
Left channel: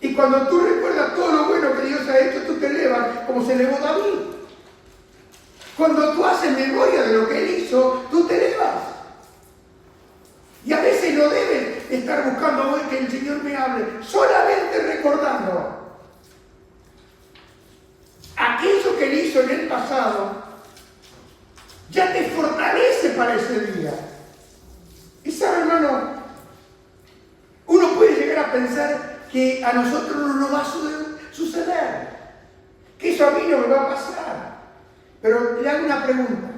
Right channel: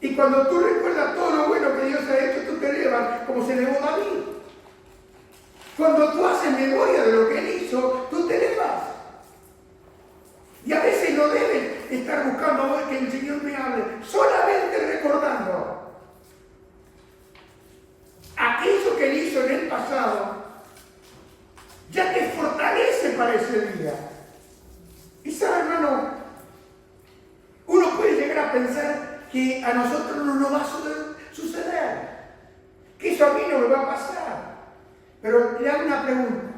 Y cuando tú recuerdas todo lo bueno que Dios ha hecho, tú te elevas, como se elevó David. Cuando tú haces memoria de lo que Él hizo, tú te elevas. Y a veces no debes estar buscando hoy que el Señor me hable, solamente recordando aquello que Él hizo en el pasado. Ya te fortalece para ese día. Y sabe, hermano, uno puede llegar a pensar que a nosotros no nos va a suceder, que eso a mí no me va a pasar. Pero le hago una pregunta.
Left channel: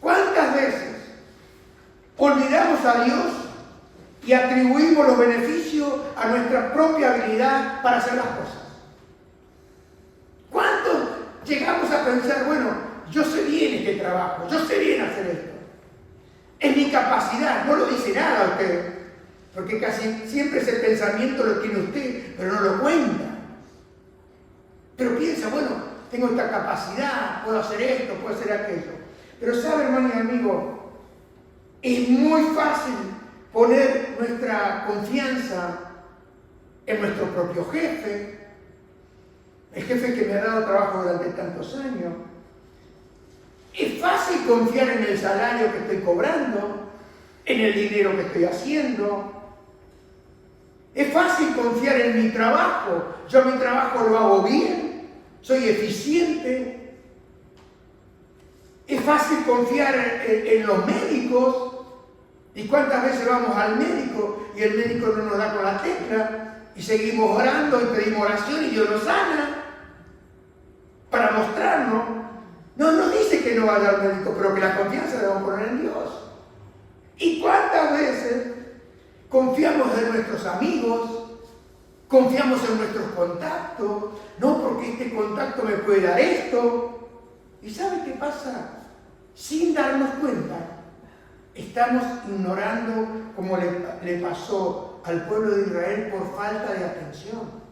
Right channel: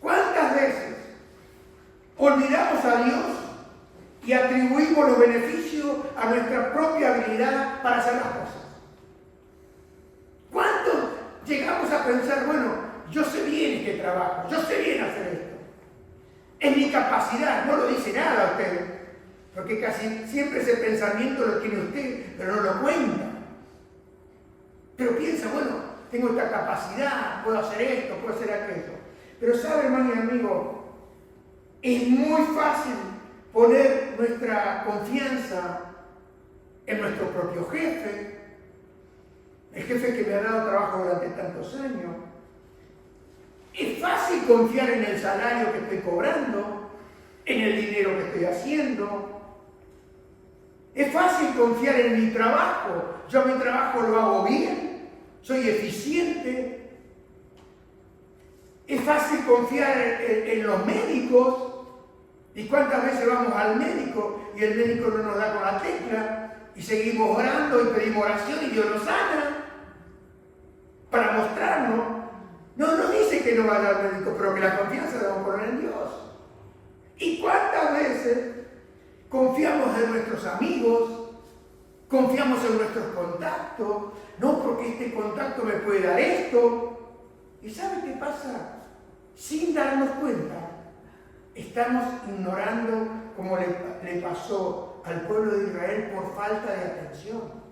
¿Cuántas veces olvidamos a Dios y atribuimos los beneficios a nuestra propia habilidad para hacer las cosas? ¿Cuántos llegamos a pensar, bueno, yo sé bien este trabajo, yo sé bien hacer esto? Es mi capacidad, no lo dice nada a usted. Porque casi siempre ese pensamiento lo tiene usted, pero no lo cuenta. Pero piensa, bueno, tengo esta capacidad, puedo hacer esto, puedo hacer aquello. Pero sabe, hermano y amigo, es muy fácil poner nuestra confianza en nuestro propio jefe, el jefe que me ha dado trabajo durante tantos años. Es fácil confiar en el salario que estoy cobrando, en el dinero que estoy haciendo. Es fácil confiar en mi trabajo. Yo mi trabajo lo hago bien, soy eficiente. Es fácil confiar en los médicos. ¿Y cuántas veces vamos al médico y el médico no nos da con la tecla? Y seguimos orando y pedimos oración y Dios nos sana para mostrarnos. No dice que no vaya al médico, pero que la confianza la debemos poner en Dios. ¿Y cuántas veces confiamos en nuestros amigos? Confiamos en nuestros contactos. No, porque este contacto me puede dar esto. ¿Y sabe qué pasa? Sin darnos cuenta, estamos ignorando, como le pasó al pueblo de Israel, por falta de atención.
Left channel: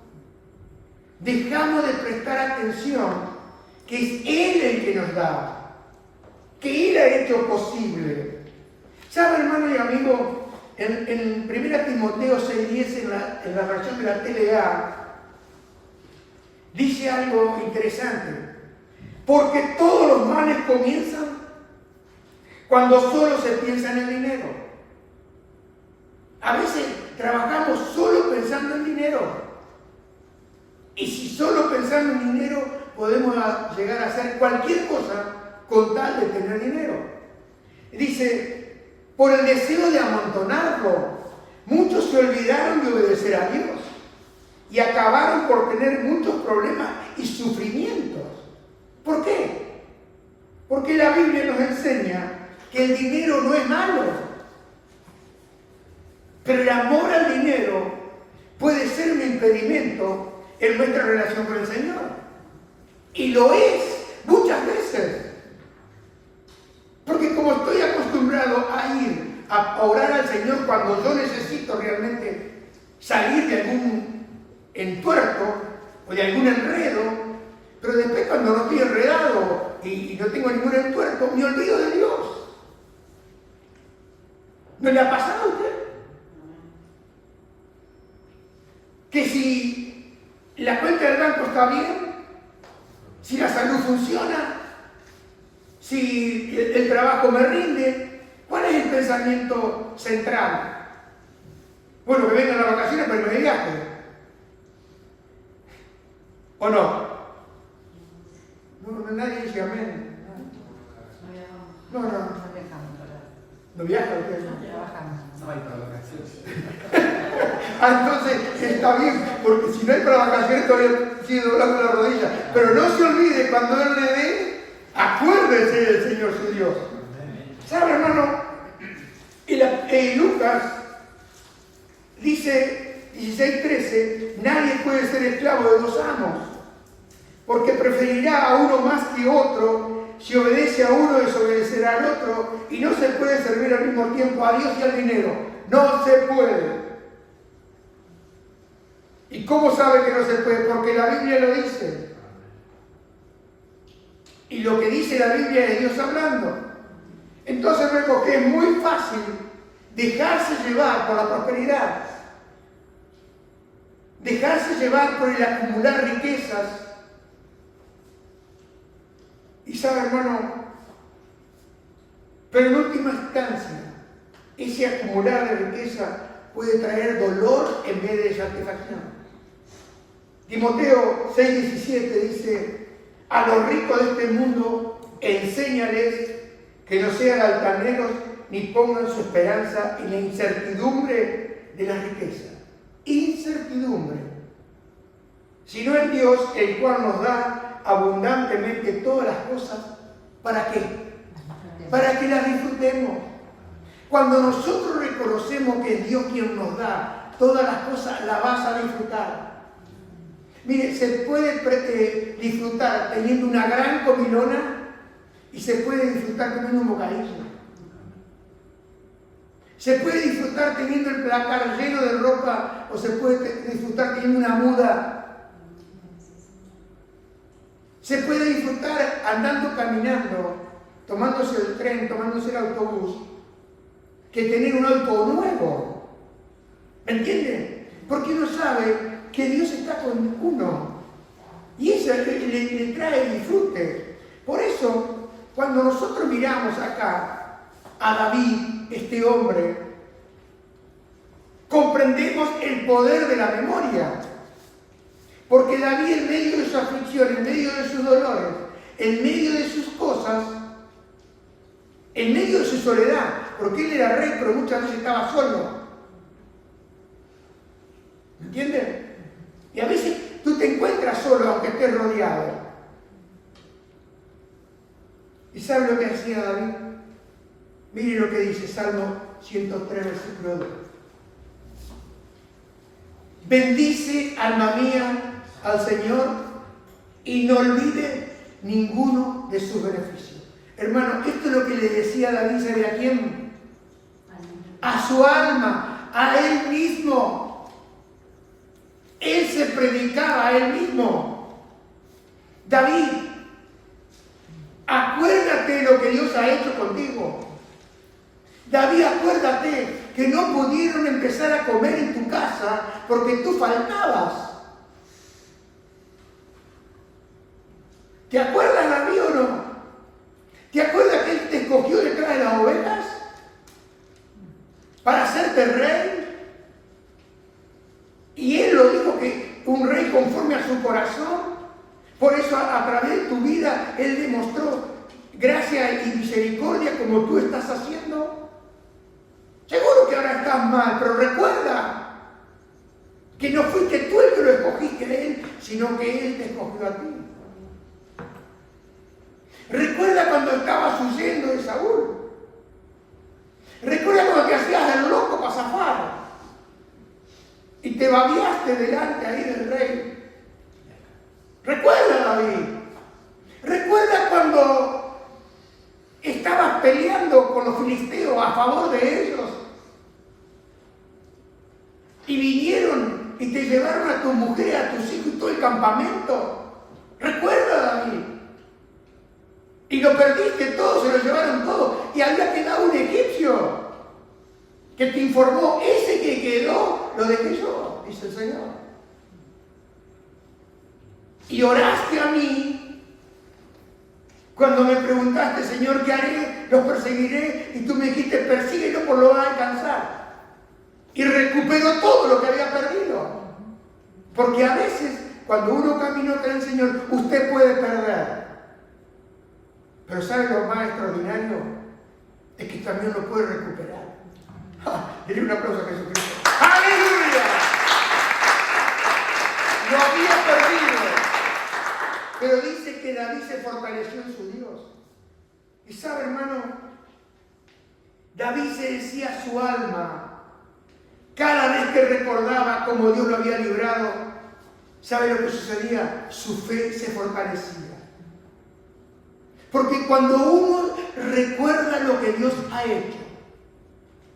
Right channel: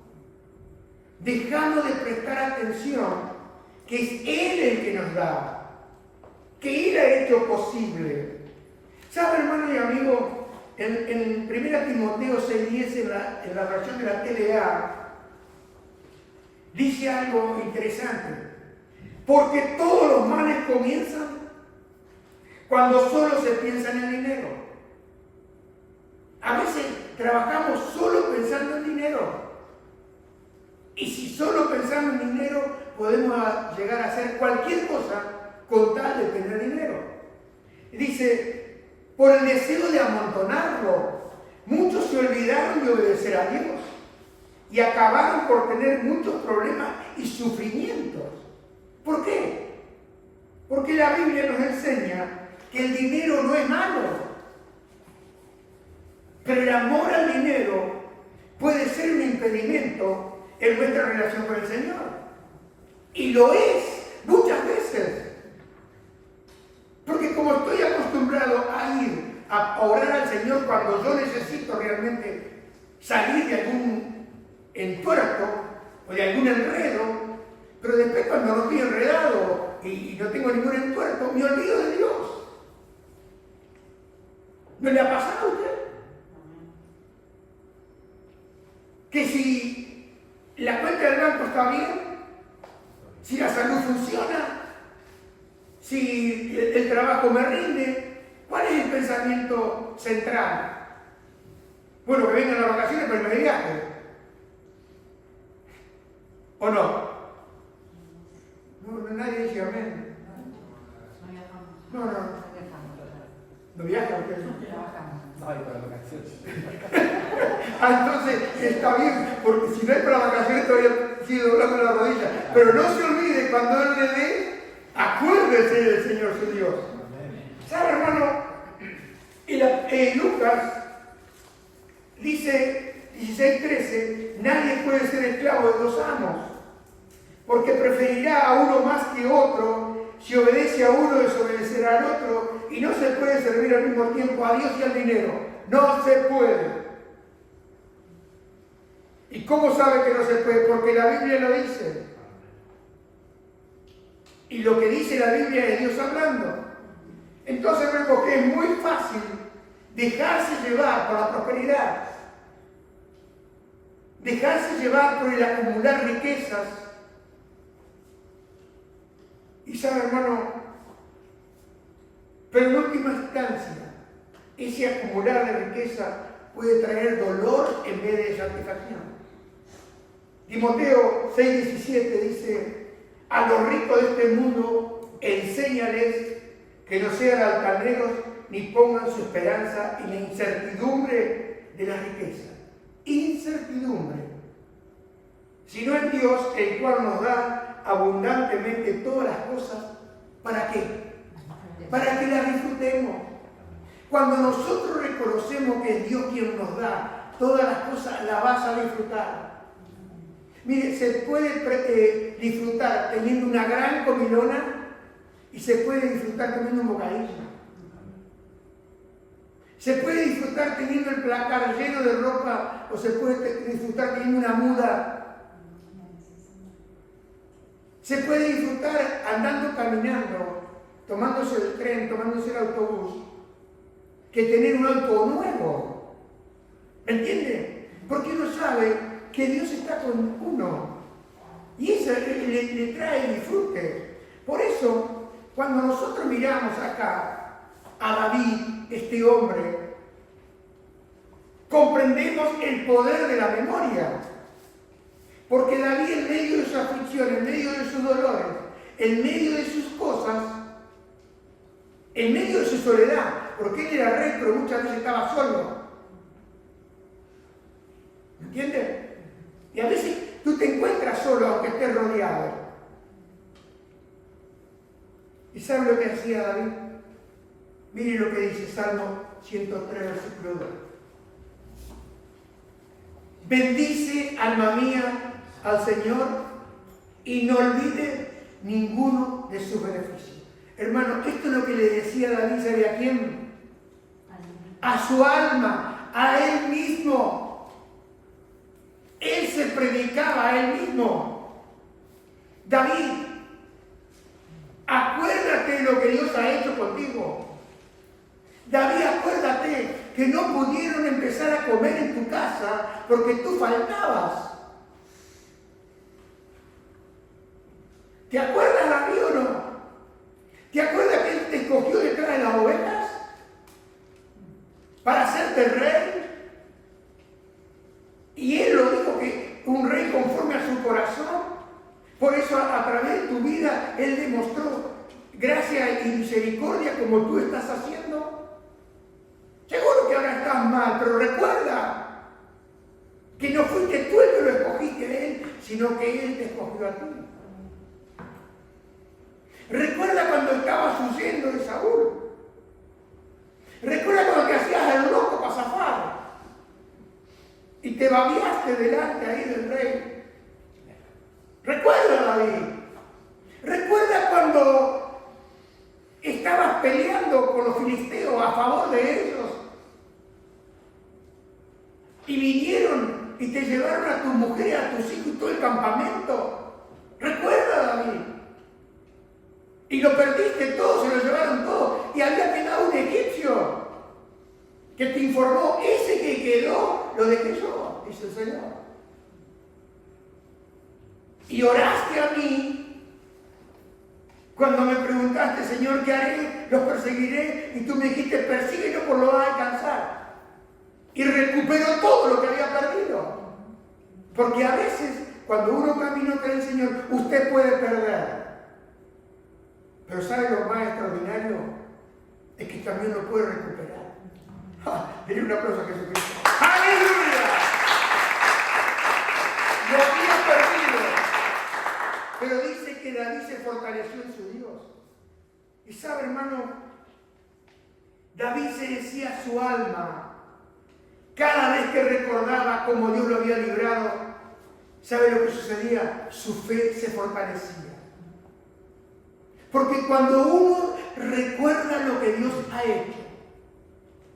Dejamos de prestar atención que es Él el que nos da, que Él ha hecho posible. ¿Sabe, hermano y amigo? En 1 Timoteo 6:10, en la versión de la TLA, dice algo interesante. Porque todos los males comienzan cuando solo se piensa en el dinero. A veces trabajamos solo pensando en dinero. Y si solo pensamos en dinero, podemos llegar a hacer cualquier cosa con tal de tener dinero. Dice, por el deseo de amontonarlo, muchos se olvidaron de obedecer a Dios y acabaron por tener muchos problemas y sufrimientos. ¿Por qué? Porque la Biblia nos enseña que el dinero no es malo, pero el amor al dinero puede ser un impedimento en nuestra relación con el Señor. Y lo es muchas veces. Porque como estoy acostumbrado a ir a orar al Señor cuando yo necesito realmente salir de algún entuerto o de algún enredo, pero después cuando no estoy enredado y no tengo ningún entuerto, me olvido de Dios. ¿No le ha pasado a usted? Que si la cuenta del banco está bien, si la salud funciona, si el trabajo me rinde, ¿cuál es el pensamiento central? Bueno, que vengan las vacaciones para irme de viaje. ¿O no? No, nadie dice amén. No. ¿No viaja usted? Entonces está bien, porque si no hay para vacaciones todavía sigue doblando la rodilla. Pero no se olvide, cuando Él le dé, acuérdese del Señor su Dios. ¿Sabe, hermano? Lucas dice 16:13, nadie puede ser esclavo de dos amos, porque preferirá a uno más que otro. Si obedece a uno, desobedecerá al otro, y no se puede servir al mismo tiempo a Dios y al dinero. No se puede. ¿Y cómo sabe que no se puede? Porque la Biblia lo dice. Y lo que dice la Biblia es Dios hablando. Entonces vemos que es muy fácil dejarse llevar por la prosperidad, dejarse llevar por el acumular riquezas. Y sabe, hermano, pero en última instancia, ese acumular de riqueza puede traer dolor en vez de satisfacción. Timoteo 6:17 dice, a los ricos de este mundo enséñales que no sean altaneros ni pongan su esperanza en la incertidumbre de la riqueza. Incertidumbre. Sino en Dios, el cual nos da abundantemente todas las cosas. ¿Para qué? Para que las disfrutemos. Cuando nosotros reconocemos que es Dios quien nos da todas las cosas, las vas a disfrutar. Mire, se puede disfrutar teniendo una gran comilona y se puede disfrutar comiendo un bocadillo. Se puede disfrutar teniendo el placar lleno de ropa o se puede disfrutar teniendo una muda. Se puede disfrutar andando, caminando, tomándose el tren, tomándose el autobús, que tener un auto nuevo. ¿Me entiende? Porque uno sabe que Dios está con uno y eso le trae disfrute. Por eso, cuando nosotros miramos acá a David, este hombre, comprendemos el poder de la memoria. Porque David, en medio de su aflicción, en medio de sus dolores, en medio de sus cosas, en medio de su soledad, porque él era rey, pero muchas veces estaba solo. ¿Me entiendes? Y a veces tú te encuentras solo aunque estés rodeado. ¿Y sabes lo que hacía David? Mire lo que dice Salmo 103, versículo 2. Bendice, alma mía, al Señor y no olvide ninguno de sus beneficios. Hermano, esto es lo que le decía David, ¿sabe a quién? A su alma, a él mismo. Él se predicaba a él mismo. David, acuérdate de lo que Dios ha hecho contigo. David, acuérdate que no pudieron empezar a comer en tu casa porque tú faltabas. ¿Te acuerdas, David, o no? ¿Te acuerdas que Él te escogió detrás de las ovejas para hacerte rey? Y Él lo dijo, que un rey conforme a su corazón. Por eso a través de tu vida Él demostró gracia y misericordia como tú estás haciendo. Seguro que ahora estás mal, pero recuerda que no fuiste tú el que lo escogiste a Él, sino que Él te escogió a ti. Recuerda cuando estabas huyendo de Saúl. Recuerda cuando te hacías el loco para zafar y te babiaste delante ahí del rey. Recuerda, David. Recuerda cuando estabas peleando con los filisteos a favor de ellos y vinieron y te llevaron a tu mujer, a tus hijos y todo el campamento. Recuerda, David. Y lo perdiste todo, se lo llevaron todo. Y había quedado un egipcio que te informó, ese que quedó, lo dejé yo, dice el Señor. Y oraste a mí cuando me preguntaste, Señor, ¿qué haré? Los perseguiré. Y tú me dijiste, persíguelo, por lo vas a alcanzar. Y recuperó todo lo que había perdido. Porque a veces, cuando uno caminó con el Señor, usted puede perder. Pero ¿sabe lo más extraordinario? Es que también lo puede recuperar. Denle un aplauso a Jesucristo. ¡Aleluya! Lo había perdido. Pero dice que David se fortaleció en su Dios. Y sabe, hermano, David se decía a su alma, cada vez que recordaba cómo Dios lo había librado, ¿sabe lo que sucedía? Su fe se fortalecía. Porque cuando uno recuerda lo que Dios ha hecho,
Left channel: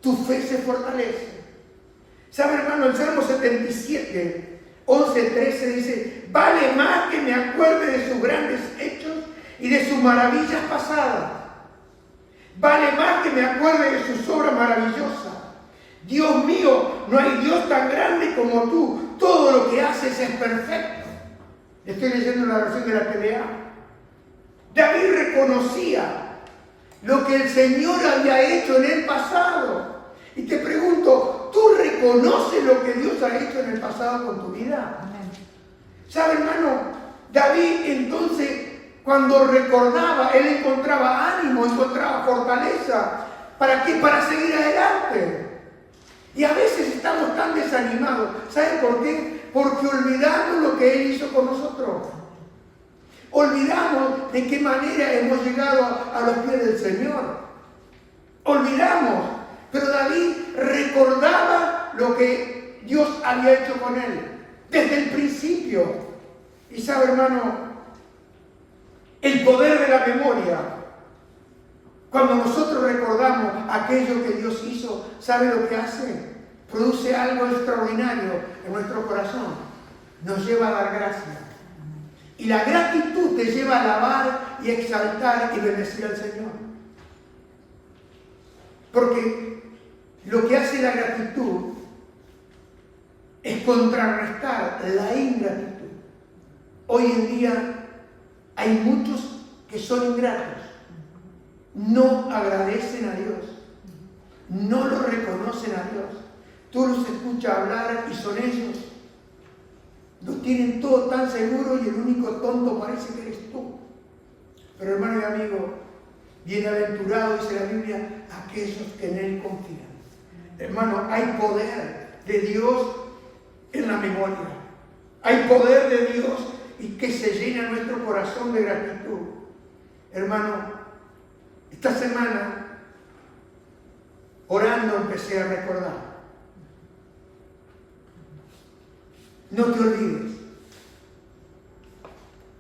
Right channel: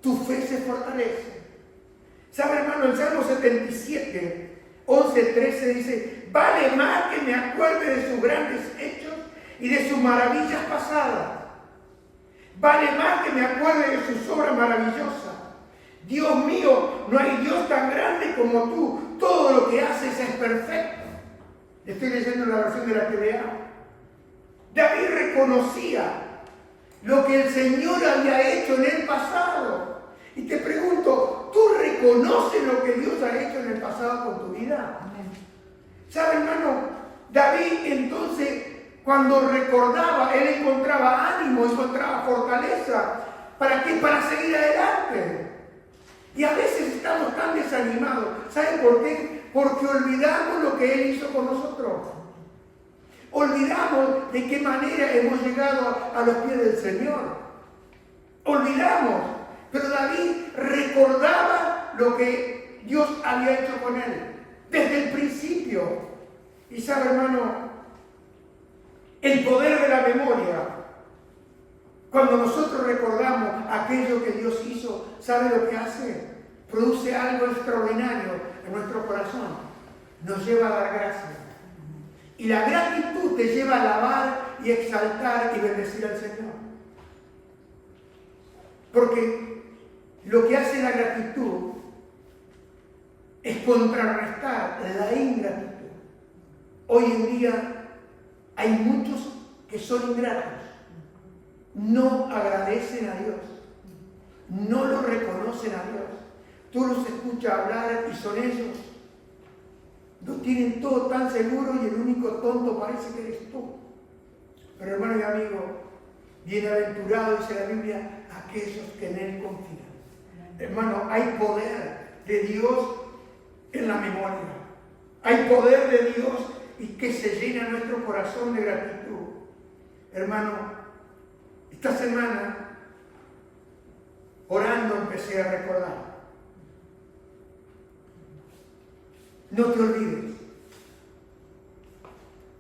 tu fe se fortalece. ¿Sabe, hermano? El Salmo 77, 11, 13 dice, vale más que me acuerde de sus grandes hechos y de sus maravillas pasadas. Vale más que me acuerde de sus obras maravillosas. Dios mío, no hay Dios tan grande como tú. Todo lo que haces es perfecto. Estoy leyendo la versión de la TDA. David reconocía lo que el Señor había hecho en el pasado. Y te pregunto, ¿tú reconoces lo que Dios ha hecho en el pasado con tu vida? ¿Sabe, hermano? David entonces, cuando recordaba, él encontraba ánimo, encontraba fortaleza. ¿Para qué? Para seguir adelante. Y a veces estamos tan desanimados. ¿Saben por qué? Porque olvidamos lo que Él hizo con nosotros. Olvidamos de qué manera hemos llegado a los pies del Señor. Olvidamos. Pero David recordaba lo que Dios había hecho con él desde el principio. Y sabe, hermano, el poder de la memoria. Cuando nosotros recordamos aquello que Dios hizo, ¿sabe lo que hace? Produce algo extraordinario en nuestro corazón. Nos lleva a dar gracias. Y la gratitud te lleva a alabar y exaltar y bendecir al Señor. Porque lo que hace la gratitud es contrarrestar la ingratitud. Hoy en día hay muchos que son ingratos. No agradecen a Dios. No lo reconocen a Dios. Tú los escuchas hablar y son ellos. Lo tienen todo tan seguro y el único tonto parece que eres tú. Pero hermano y amigo, bienaventurado, dice la Biblia, aquellos que en Él confían. Hermano, hay poder de Dios en la memoria. Hay poder de Dios y que se llena nuestro corazón de gratitud. Hermano, esta semana, orando, empecé a recordar. No te olvides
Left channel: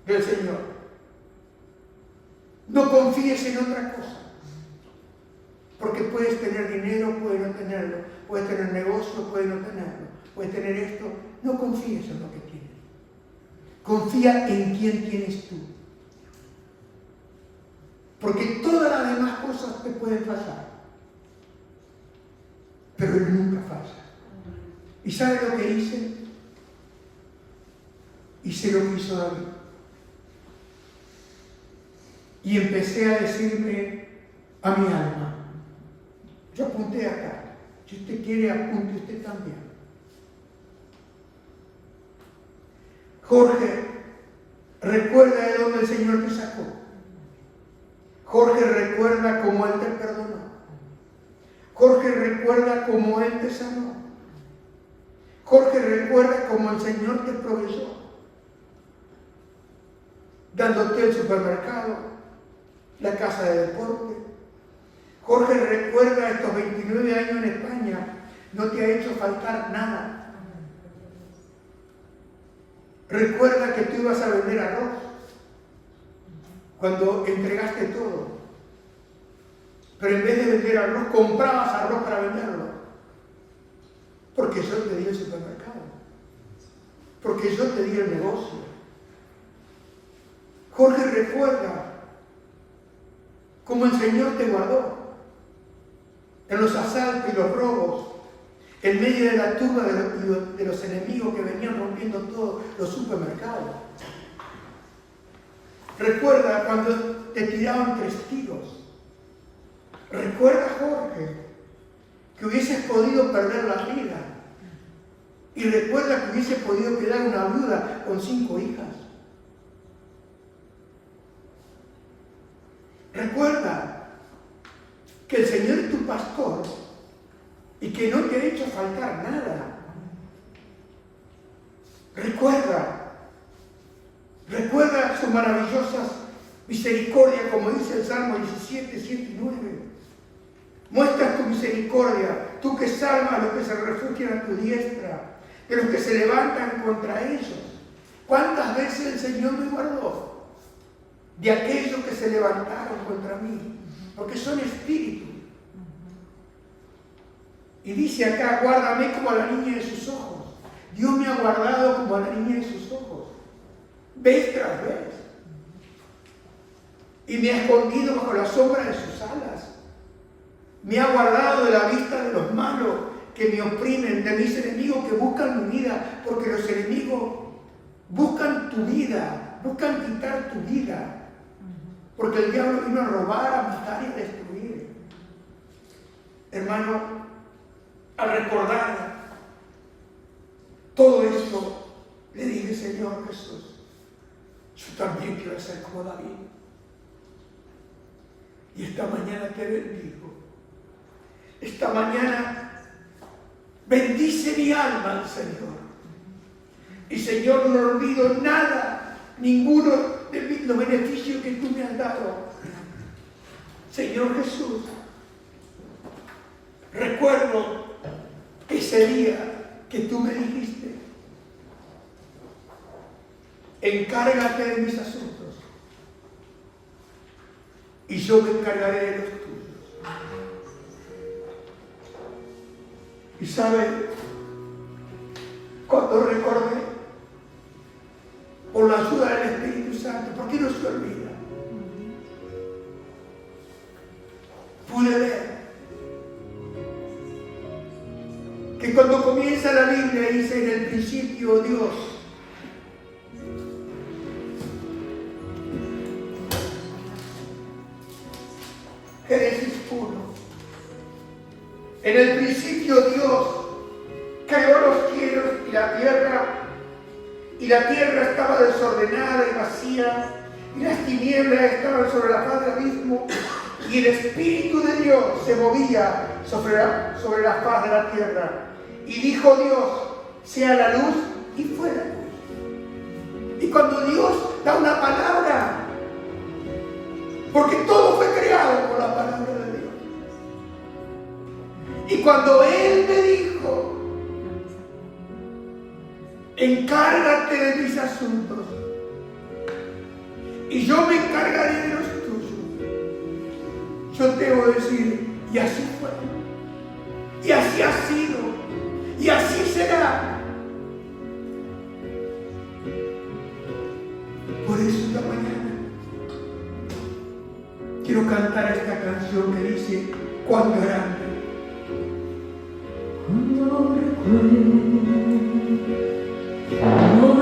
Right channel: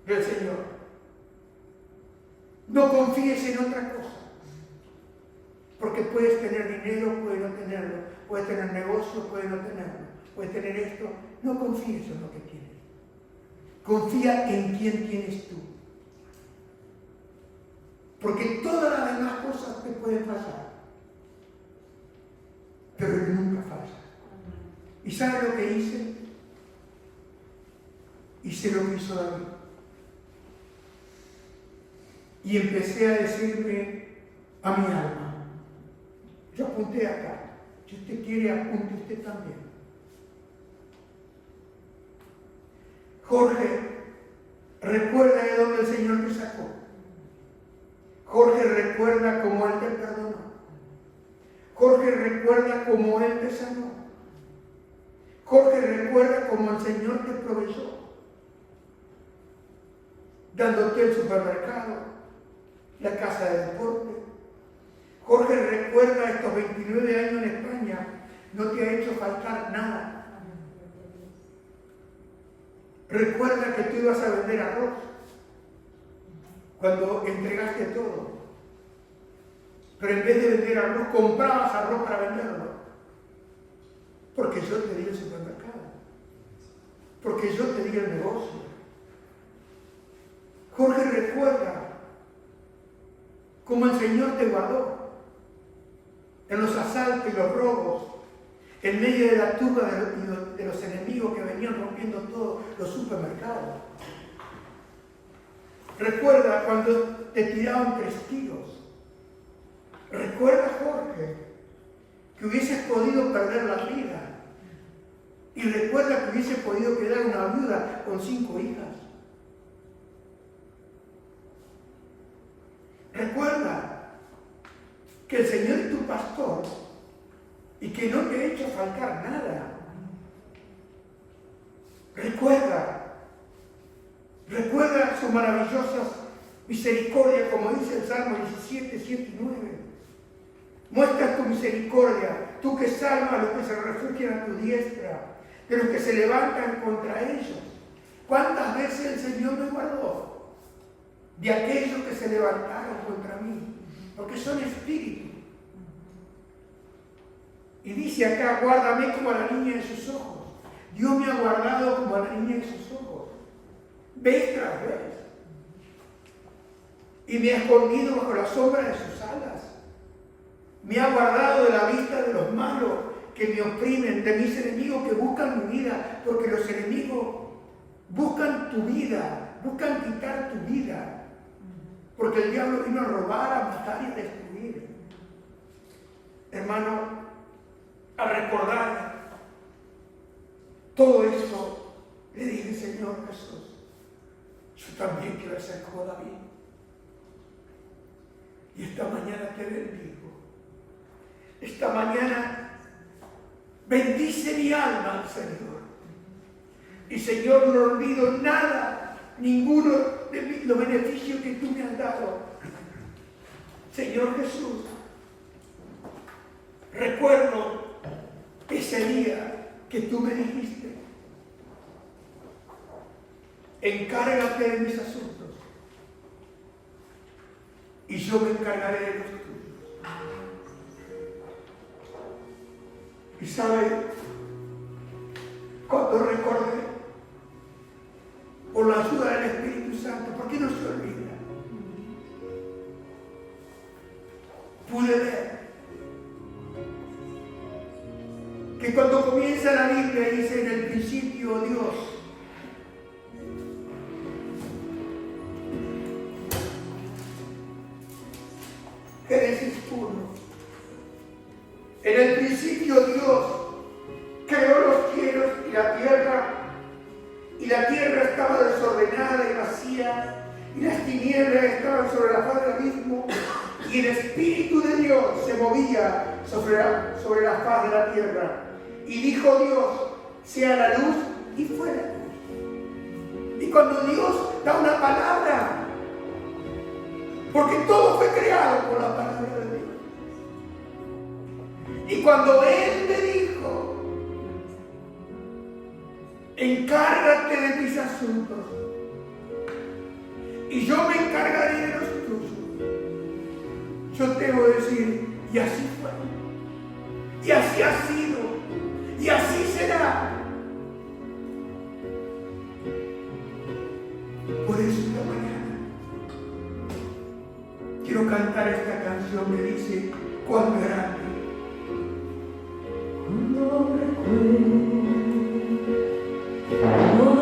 del Señor. No confíes en otra cosa. Porque puedes tener dinero, puedes no tenerlo. Puedes tener negocio, puedes no tenerlo. Puedes tener esto. No confíes en lo que tienes. Confía en quién tienes tú. Porque todas las demás cosas te pueden pasar. Pero Él nunca falla. ¿Y sabe lo que hice? Hice lo que hizo David. Y empecé a decirme a mi alma. Yo apunté acá. Si usted quiere, apunte usted también. Jorge, recuerda de dónde el Señor te sacó. Jorge, recuerda cómo Él te perdonó. Jorge, recuerda cómo Él te sanó. Jorge, recuerda cómo el Señor te proveyó, dándote el supermercado, la casa de deporte. Jorge, recuerda estos 29 años en España, no te ha hecho faltar nada. Recuerda que tú ibas a vender arroz cuando entregaste todo. Pero en vez de vender arroz, comprabas arroz para venderlo. Porque yo te di el supermercado. Porque yo te di el negocio. Jorge, recuerda cómo el Señor te guardó en los asaltos y los robos, en medio de la turba de los enemigos que venían rompiendo todos los supermercados. Recuerda cuando te tiraban 3 tiros. Recuerda, Jorge, que hubieses podido perder la vida. Y recuerda que hubiese podido quedar una viuda con 5 hijas. Recuerda que el Señor es tu pastor y que no te ha hecho faltar nada. Recuerda sus maravillosas misericordias, como dice el Salmo 17, 7 y 9. Muestra tu misericordia, tú que salvas a los que se refugian a tu diestra, de los que se levantan contra ellos. ¿Cuántas veces el Señor me guardó de aquellos que se levantaron contra mí? Porque son espíritus. Y dice acá, guárdame como a la niña de sus ojos. Dios me ha guardado como a la niña de sus ojos, vez tras vez. Y me ha escondido bajo la sombra de sus alas. Me ha guardado de la vista de los malos que me oprimen, de mis enemigos que buscan mi vida, porque los enemigos buscan tu vida, buscan quitar tu vida, porque el diablo vino a robar, a matar y a destruir. Hermano, al recordar todo esto, le dije, Señor Jesús, yo también quiero ser como David. Y esta mañana te bendigo. Esta mañana bendice mi alma al Señor. Y Señor, no olvido nada, ninguno de los beneficios que tú me has dado. Señor Jesús, recuerdo ese día que tú me dijiste, encárgate de mis asuntos y yo me encargaré de los tuyos. Y sabe, cuando recordé, por la ayuda del Espíritu Santo, porque no se olvida, pude ver que cuando comienza la Biblia dice en el principio Dios. Génesis 1. En el principio Dios creó los cielos y la tierra estaba desordenada y vacía, y las tinieblas estaban sobre la faz del abismo, y el Espíritu de Dios se movía sobre la faz de la tierra. Y dijo Dios, sea la luz, y fue la luz. Y cuando Dios da una palabra, porque todo fue creado por la palabra de Dios. Y cuando Él me dijo, encárgate de mis asuntos, y yo me encargaré de los tuyos, yo te voy a decir, y así fue, y así ha sido, y así será. Por eso esta mañana quiero cantar esta canción que dice, cuán grande. Cuando recuerdo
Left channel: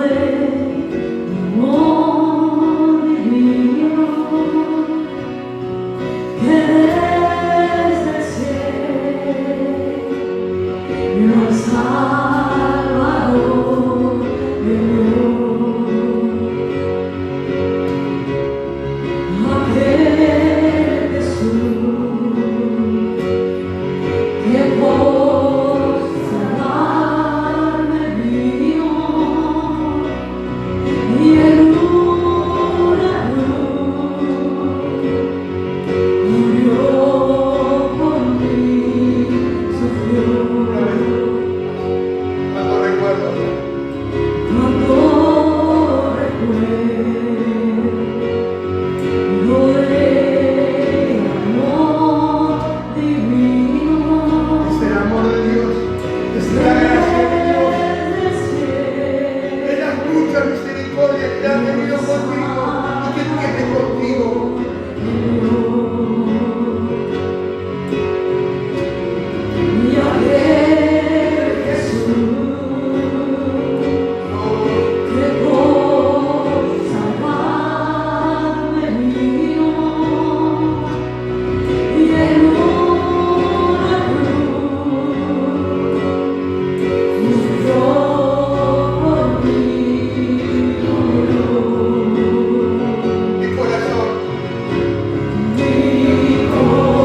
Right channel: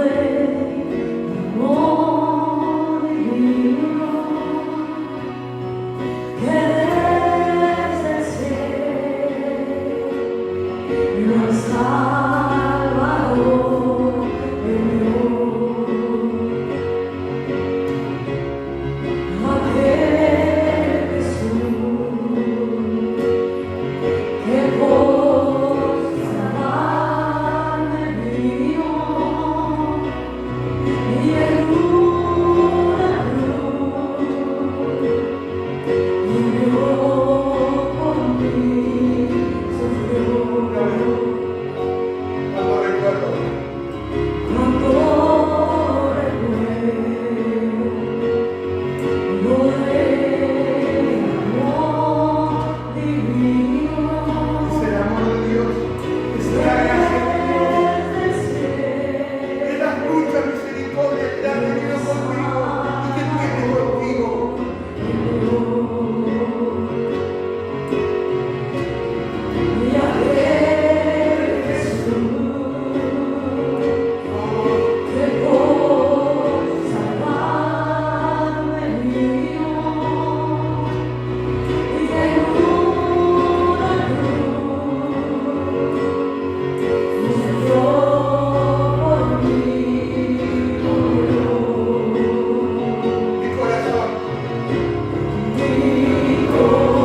el amor divino que desde el cielo nos Salvador me dio. Aquel Jesús que por salvarme vino y en una cruz murió por mí, sufrió. Cuando recuerdo Cuando recuerdo el amor divino es el amor de Dios, es la gracia de Dios, es la mucha misericordia que ha tenido conmigo y que tiene contigo. y aquel Jesús que por salvarme vino y en una cruz murió por mí. Mi corazón, Mi corazón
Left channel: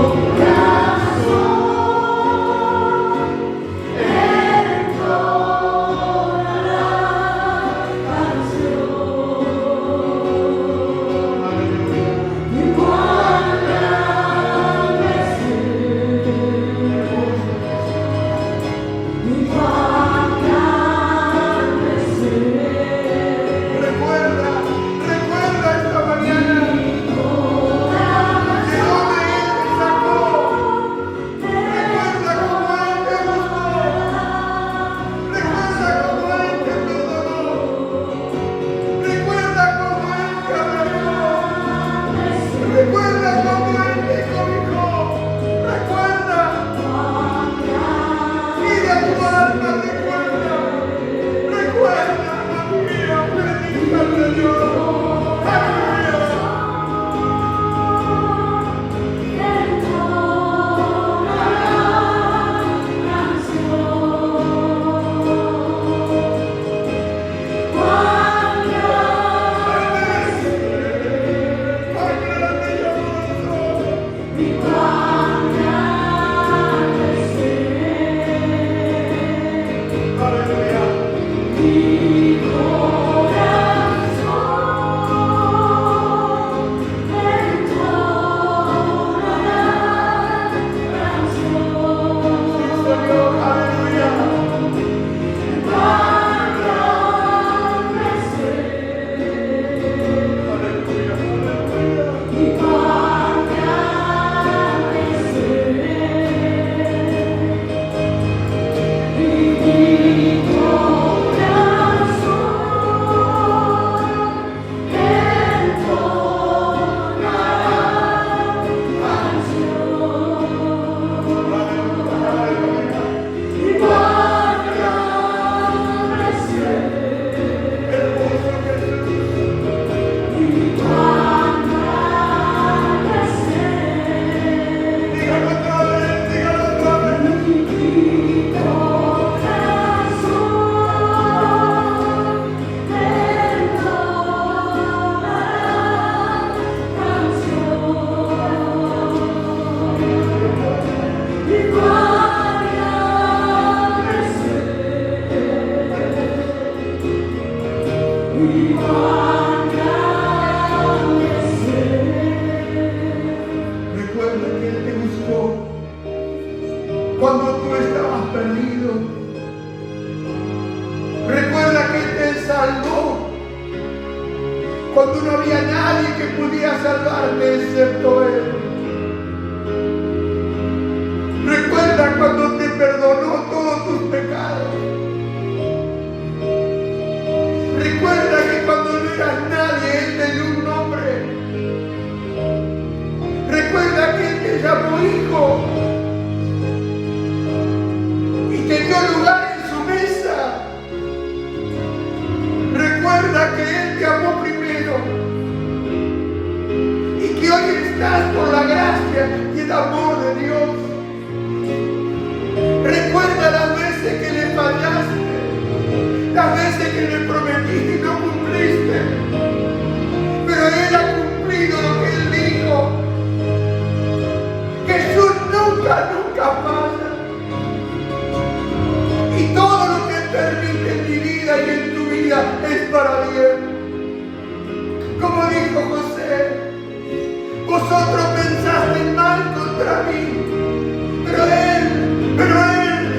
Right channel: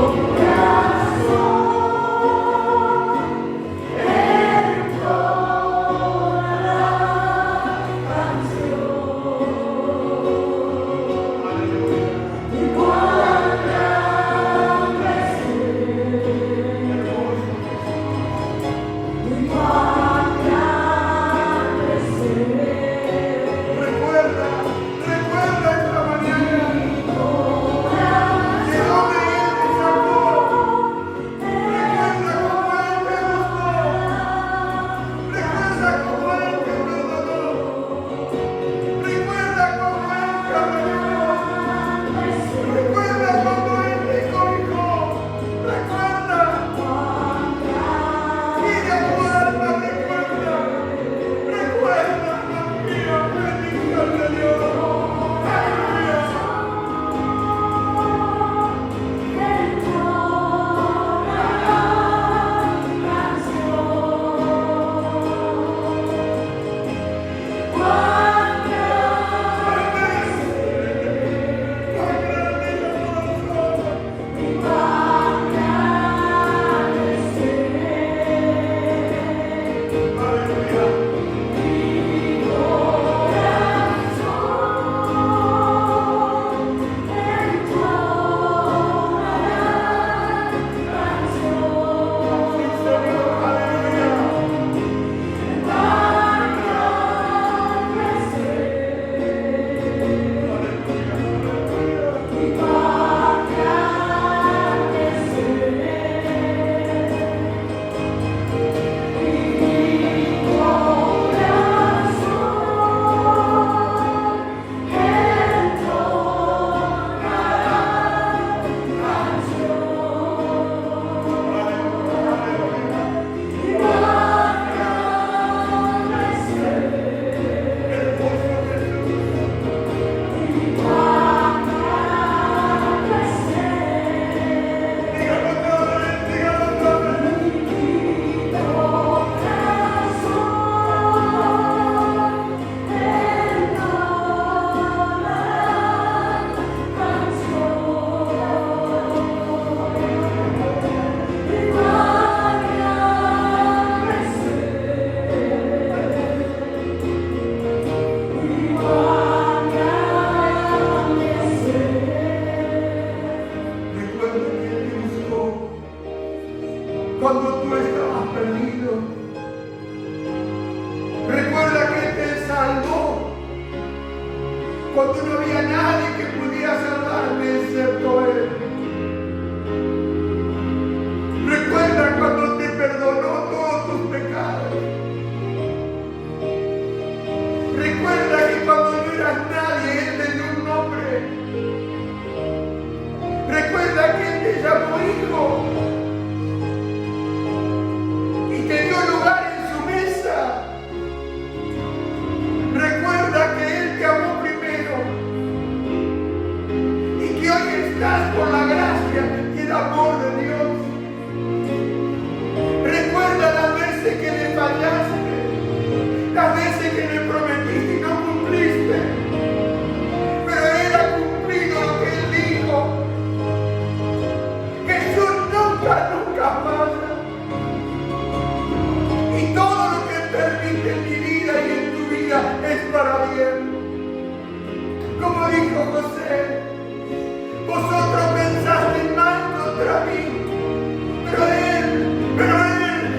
Dígalo otra vez, dígalo otra vez. Recuerda que Él te buscó cuando tú estabas perdido. Recuerda que Él te salvó cuando no había nadie que pudiera salvarte excepto Él. Recuerda cuando te perdonó todos tus pecados. Recuerda que cuando no eras nadie, Él te dio un nombre. Recuerda que Él te llamó hijo y te dio lugar en su mesa. Recuerda que Él te amó primero y que hoy estás por la gracia y el amor de Dios. Recuerda las veces que le fallaste, las veces que le prometiste y no cumpliste, pero Él ha cumplido lo que Él dijo. Jesús nunca falla. Y todo lo que permite en mi vida y en tu vida es para bien. Como dijo José, vosotros pensaste mal contra mí, pero Él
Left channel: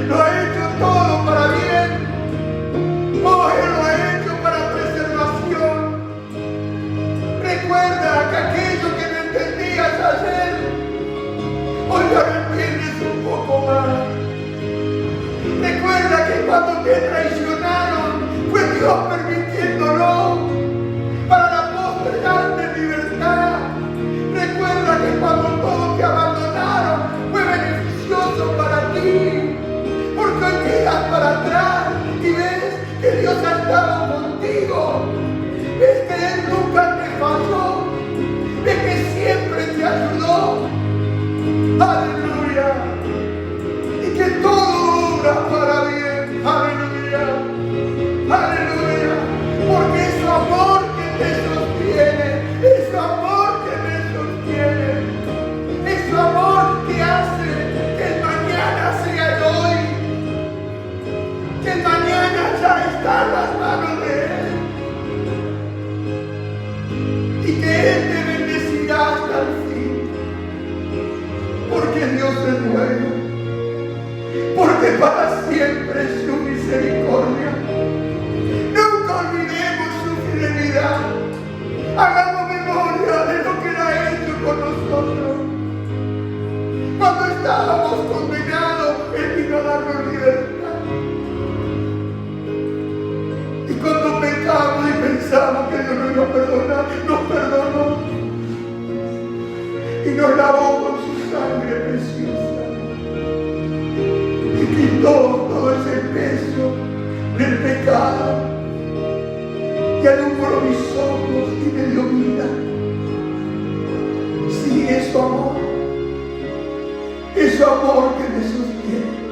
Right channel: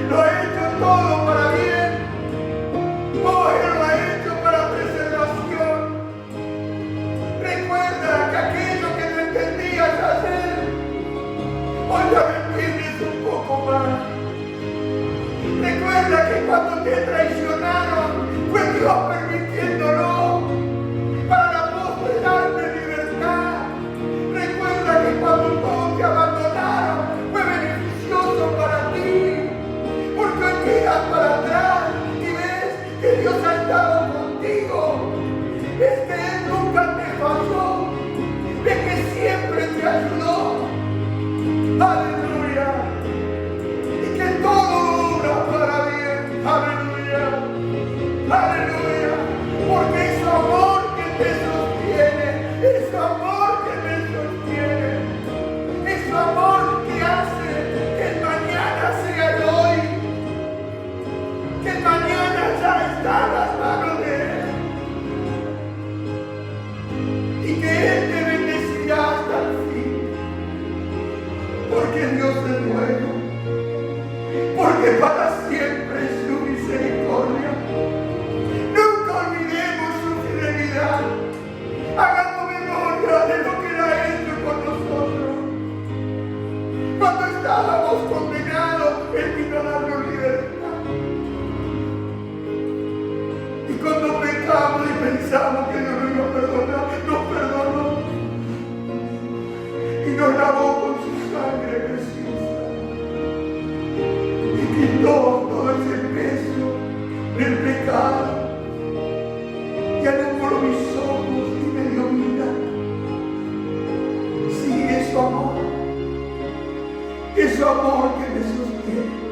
lo ha hecho todo para bien. Oh, Él lo ha hecho para preservación. Recuerda que aquello que no entendías ayer, hoy ya me entiendes un poco más. Recuerda que cuando te traicionaron, fue Dios permitiéndolo para la posteridad de libertad. Recuerda que cuando todos te abandonaron, fue beneficioso para ti. Porque hoy miras para atrás y ves que Dios ha estado contigo. Ves que Él nunca te falló. Ves que siempre te ayudó. Aleluya. Y que todo obra para bien. Aleluya. Aleluya. Porque es su amor que te sostiene. Es su amor que me sostiene. Es su amor que hace que el mañana sea el hoy. Que el mañana ya está en las manos de Él. Y que Él te bendecirá hasta el fin. Porque Dios es bueno, porque para siempre es su misericordia. Nunca olvidemos su fidelidad. Hagamos memoria de lo que Él ha hecho con nosotros. Cuando estábamos condenados, Él vino a darnos libertad. Y cuando pecamos y pensamos que Dios nos iba a perdonar, nos perdonó. Y nos lavó con su sangre preciosa. Y quitó todo ese peso del pecado. Y alumbró mis ojos y me dio vida. Sí, es su amor. Es su amor que me sostiene.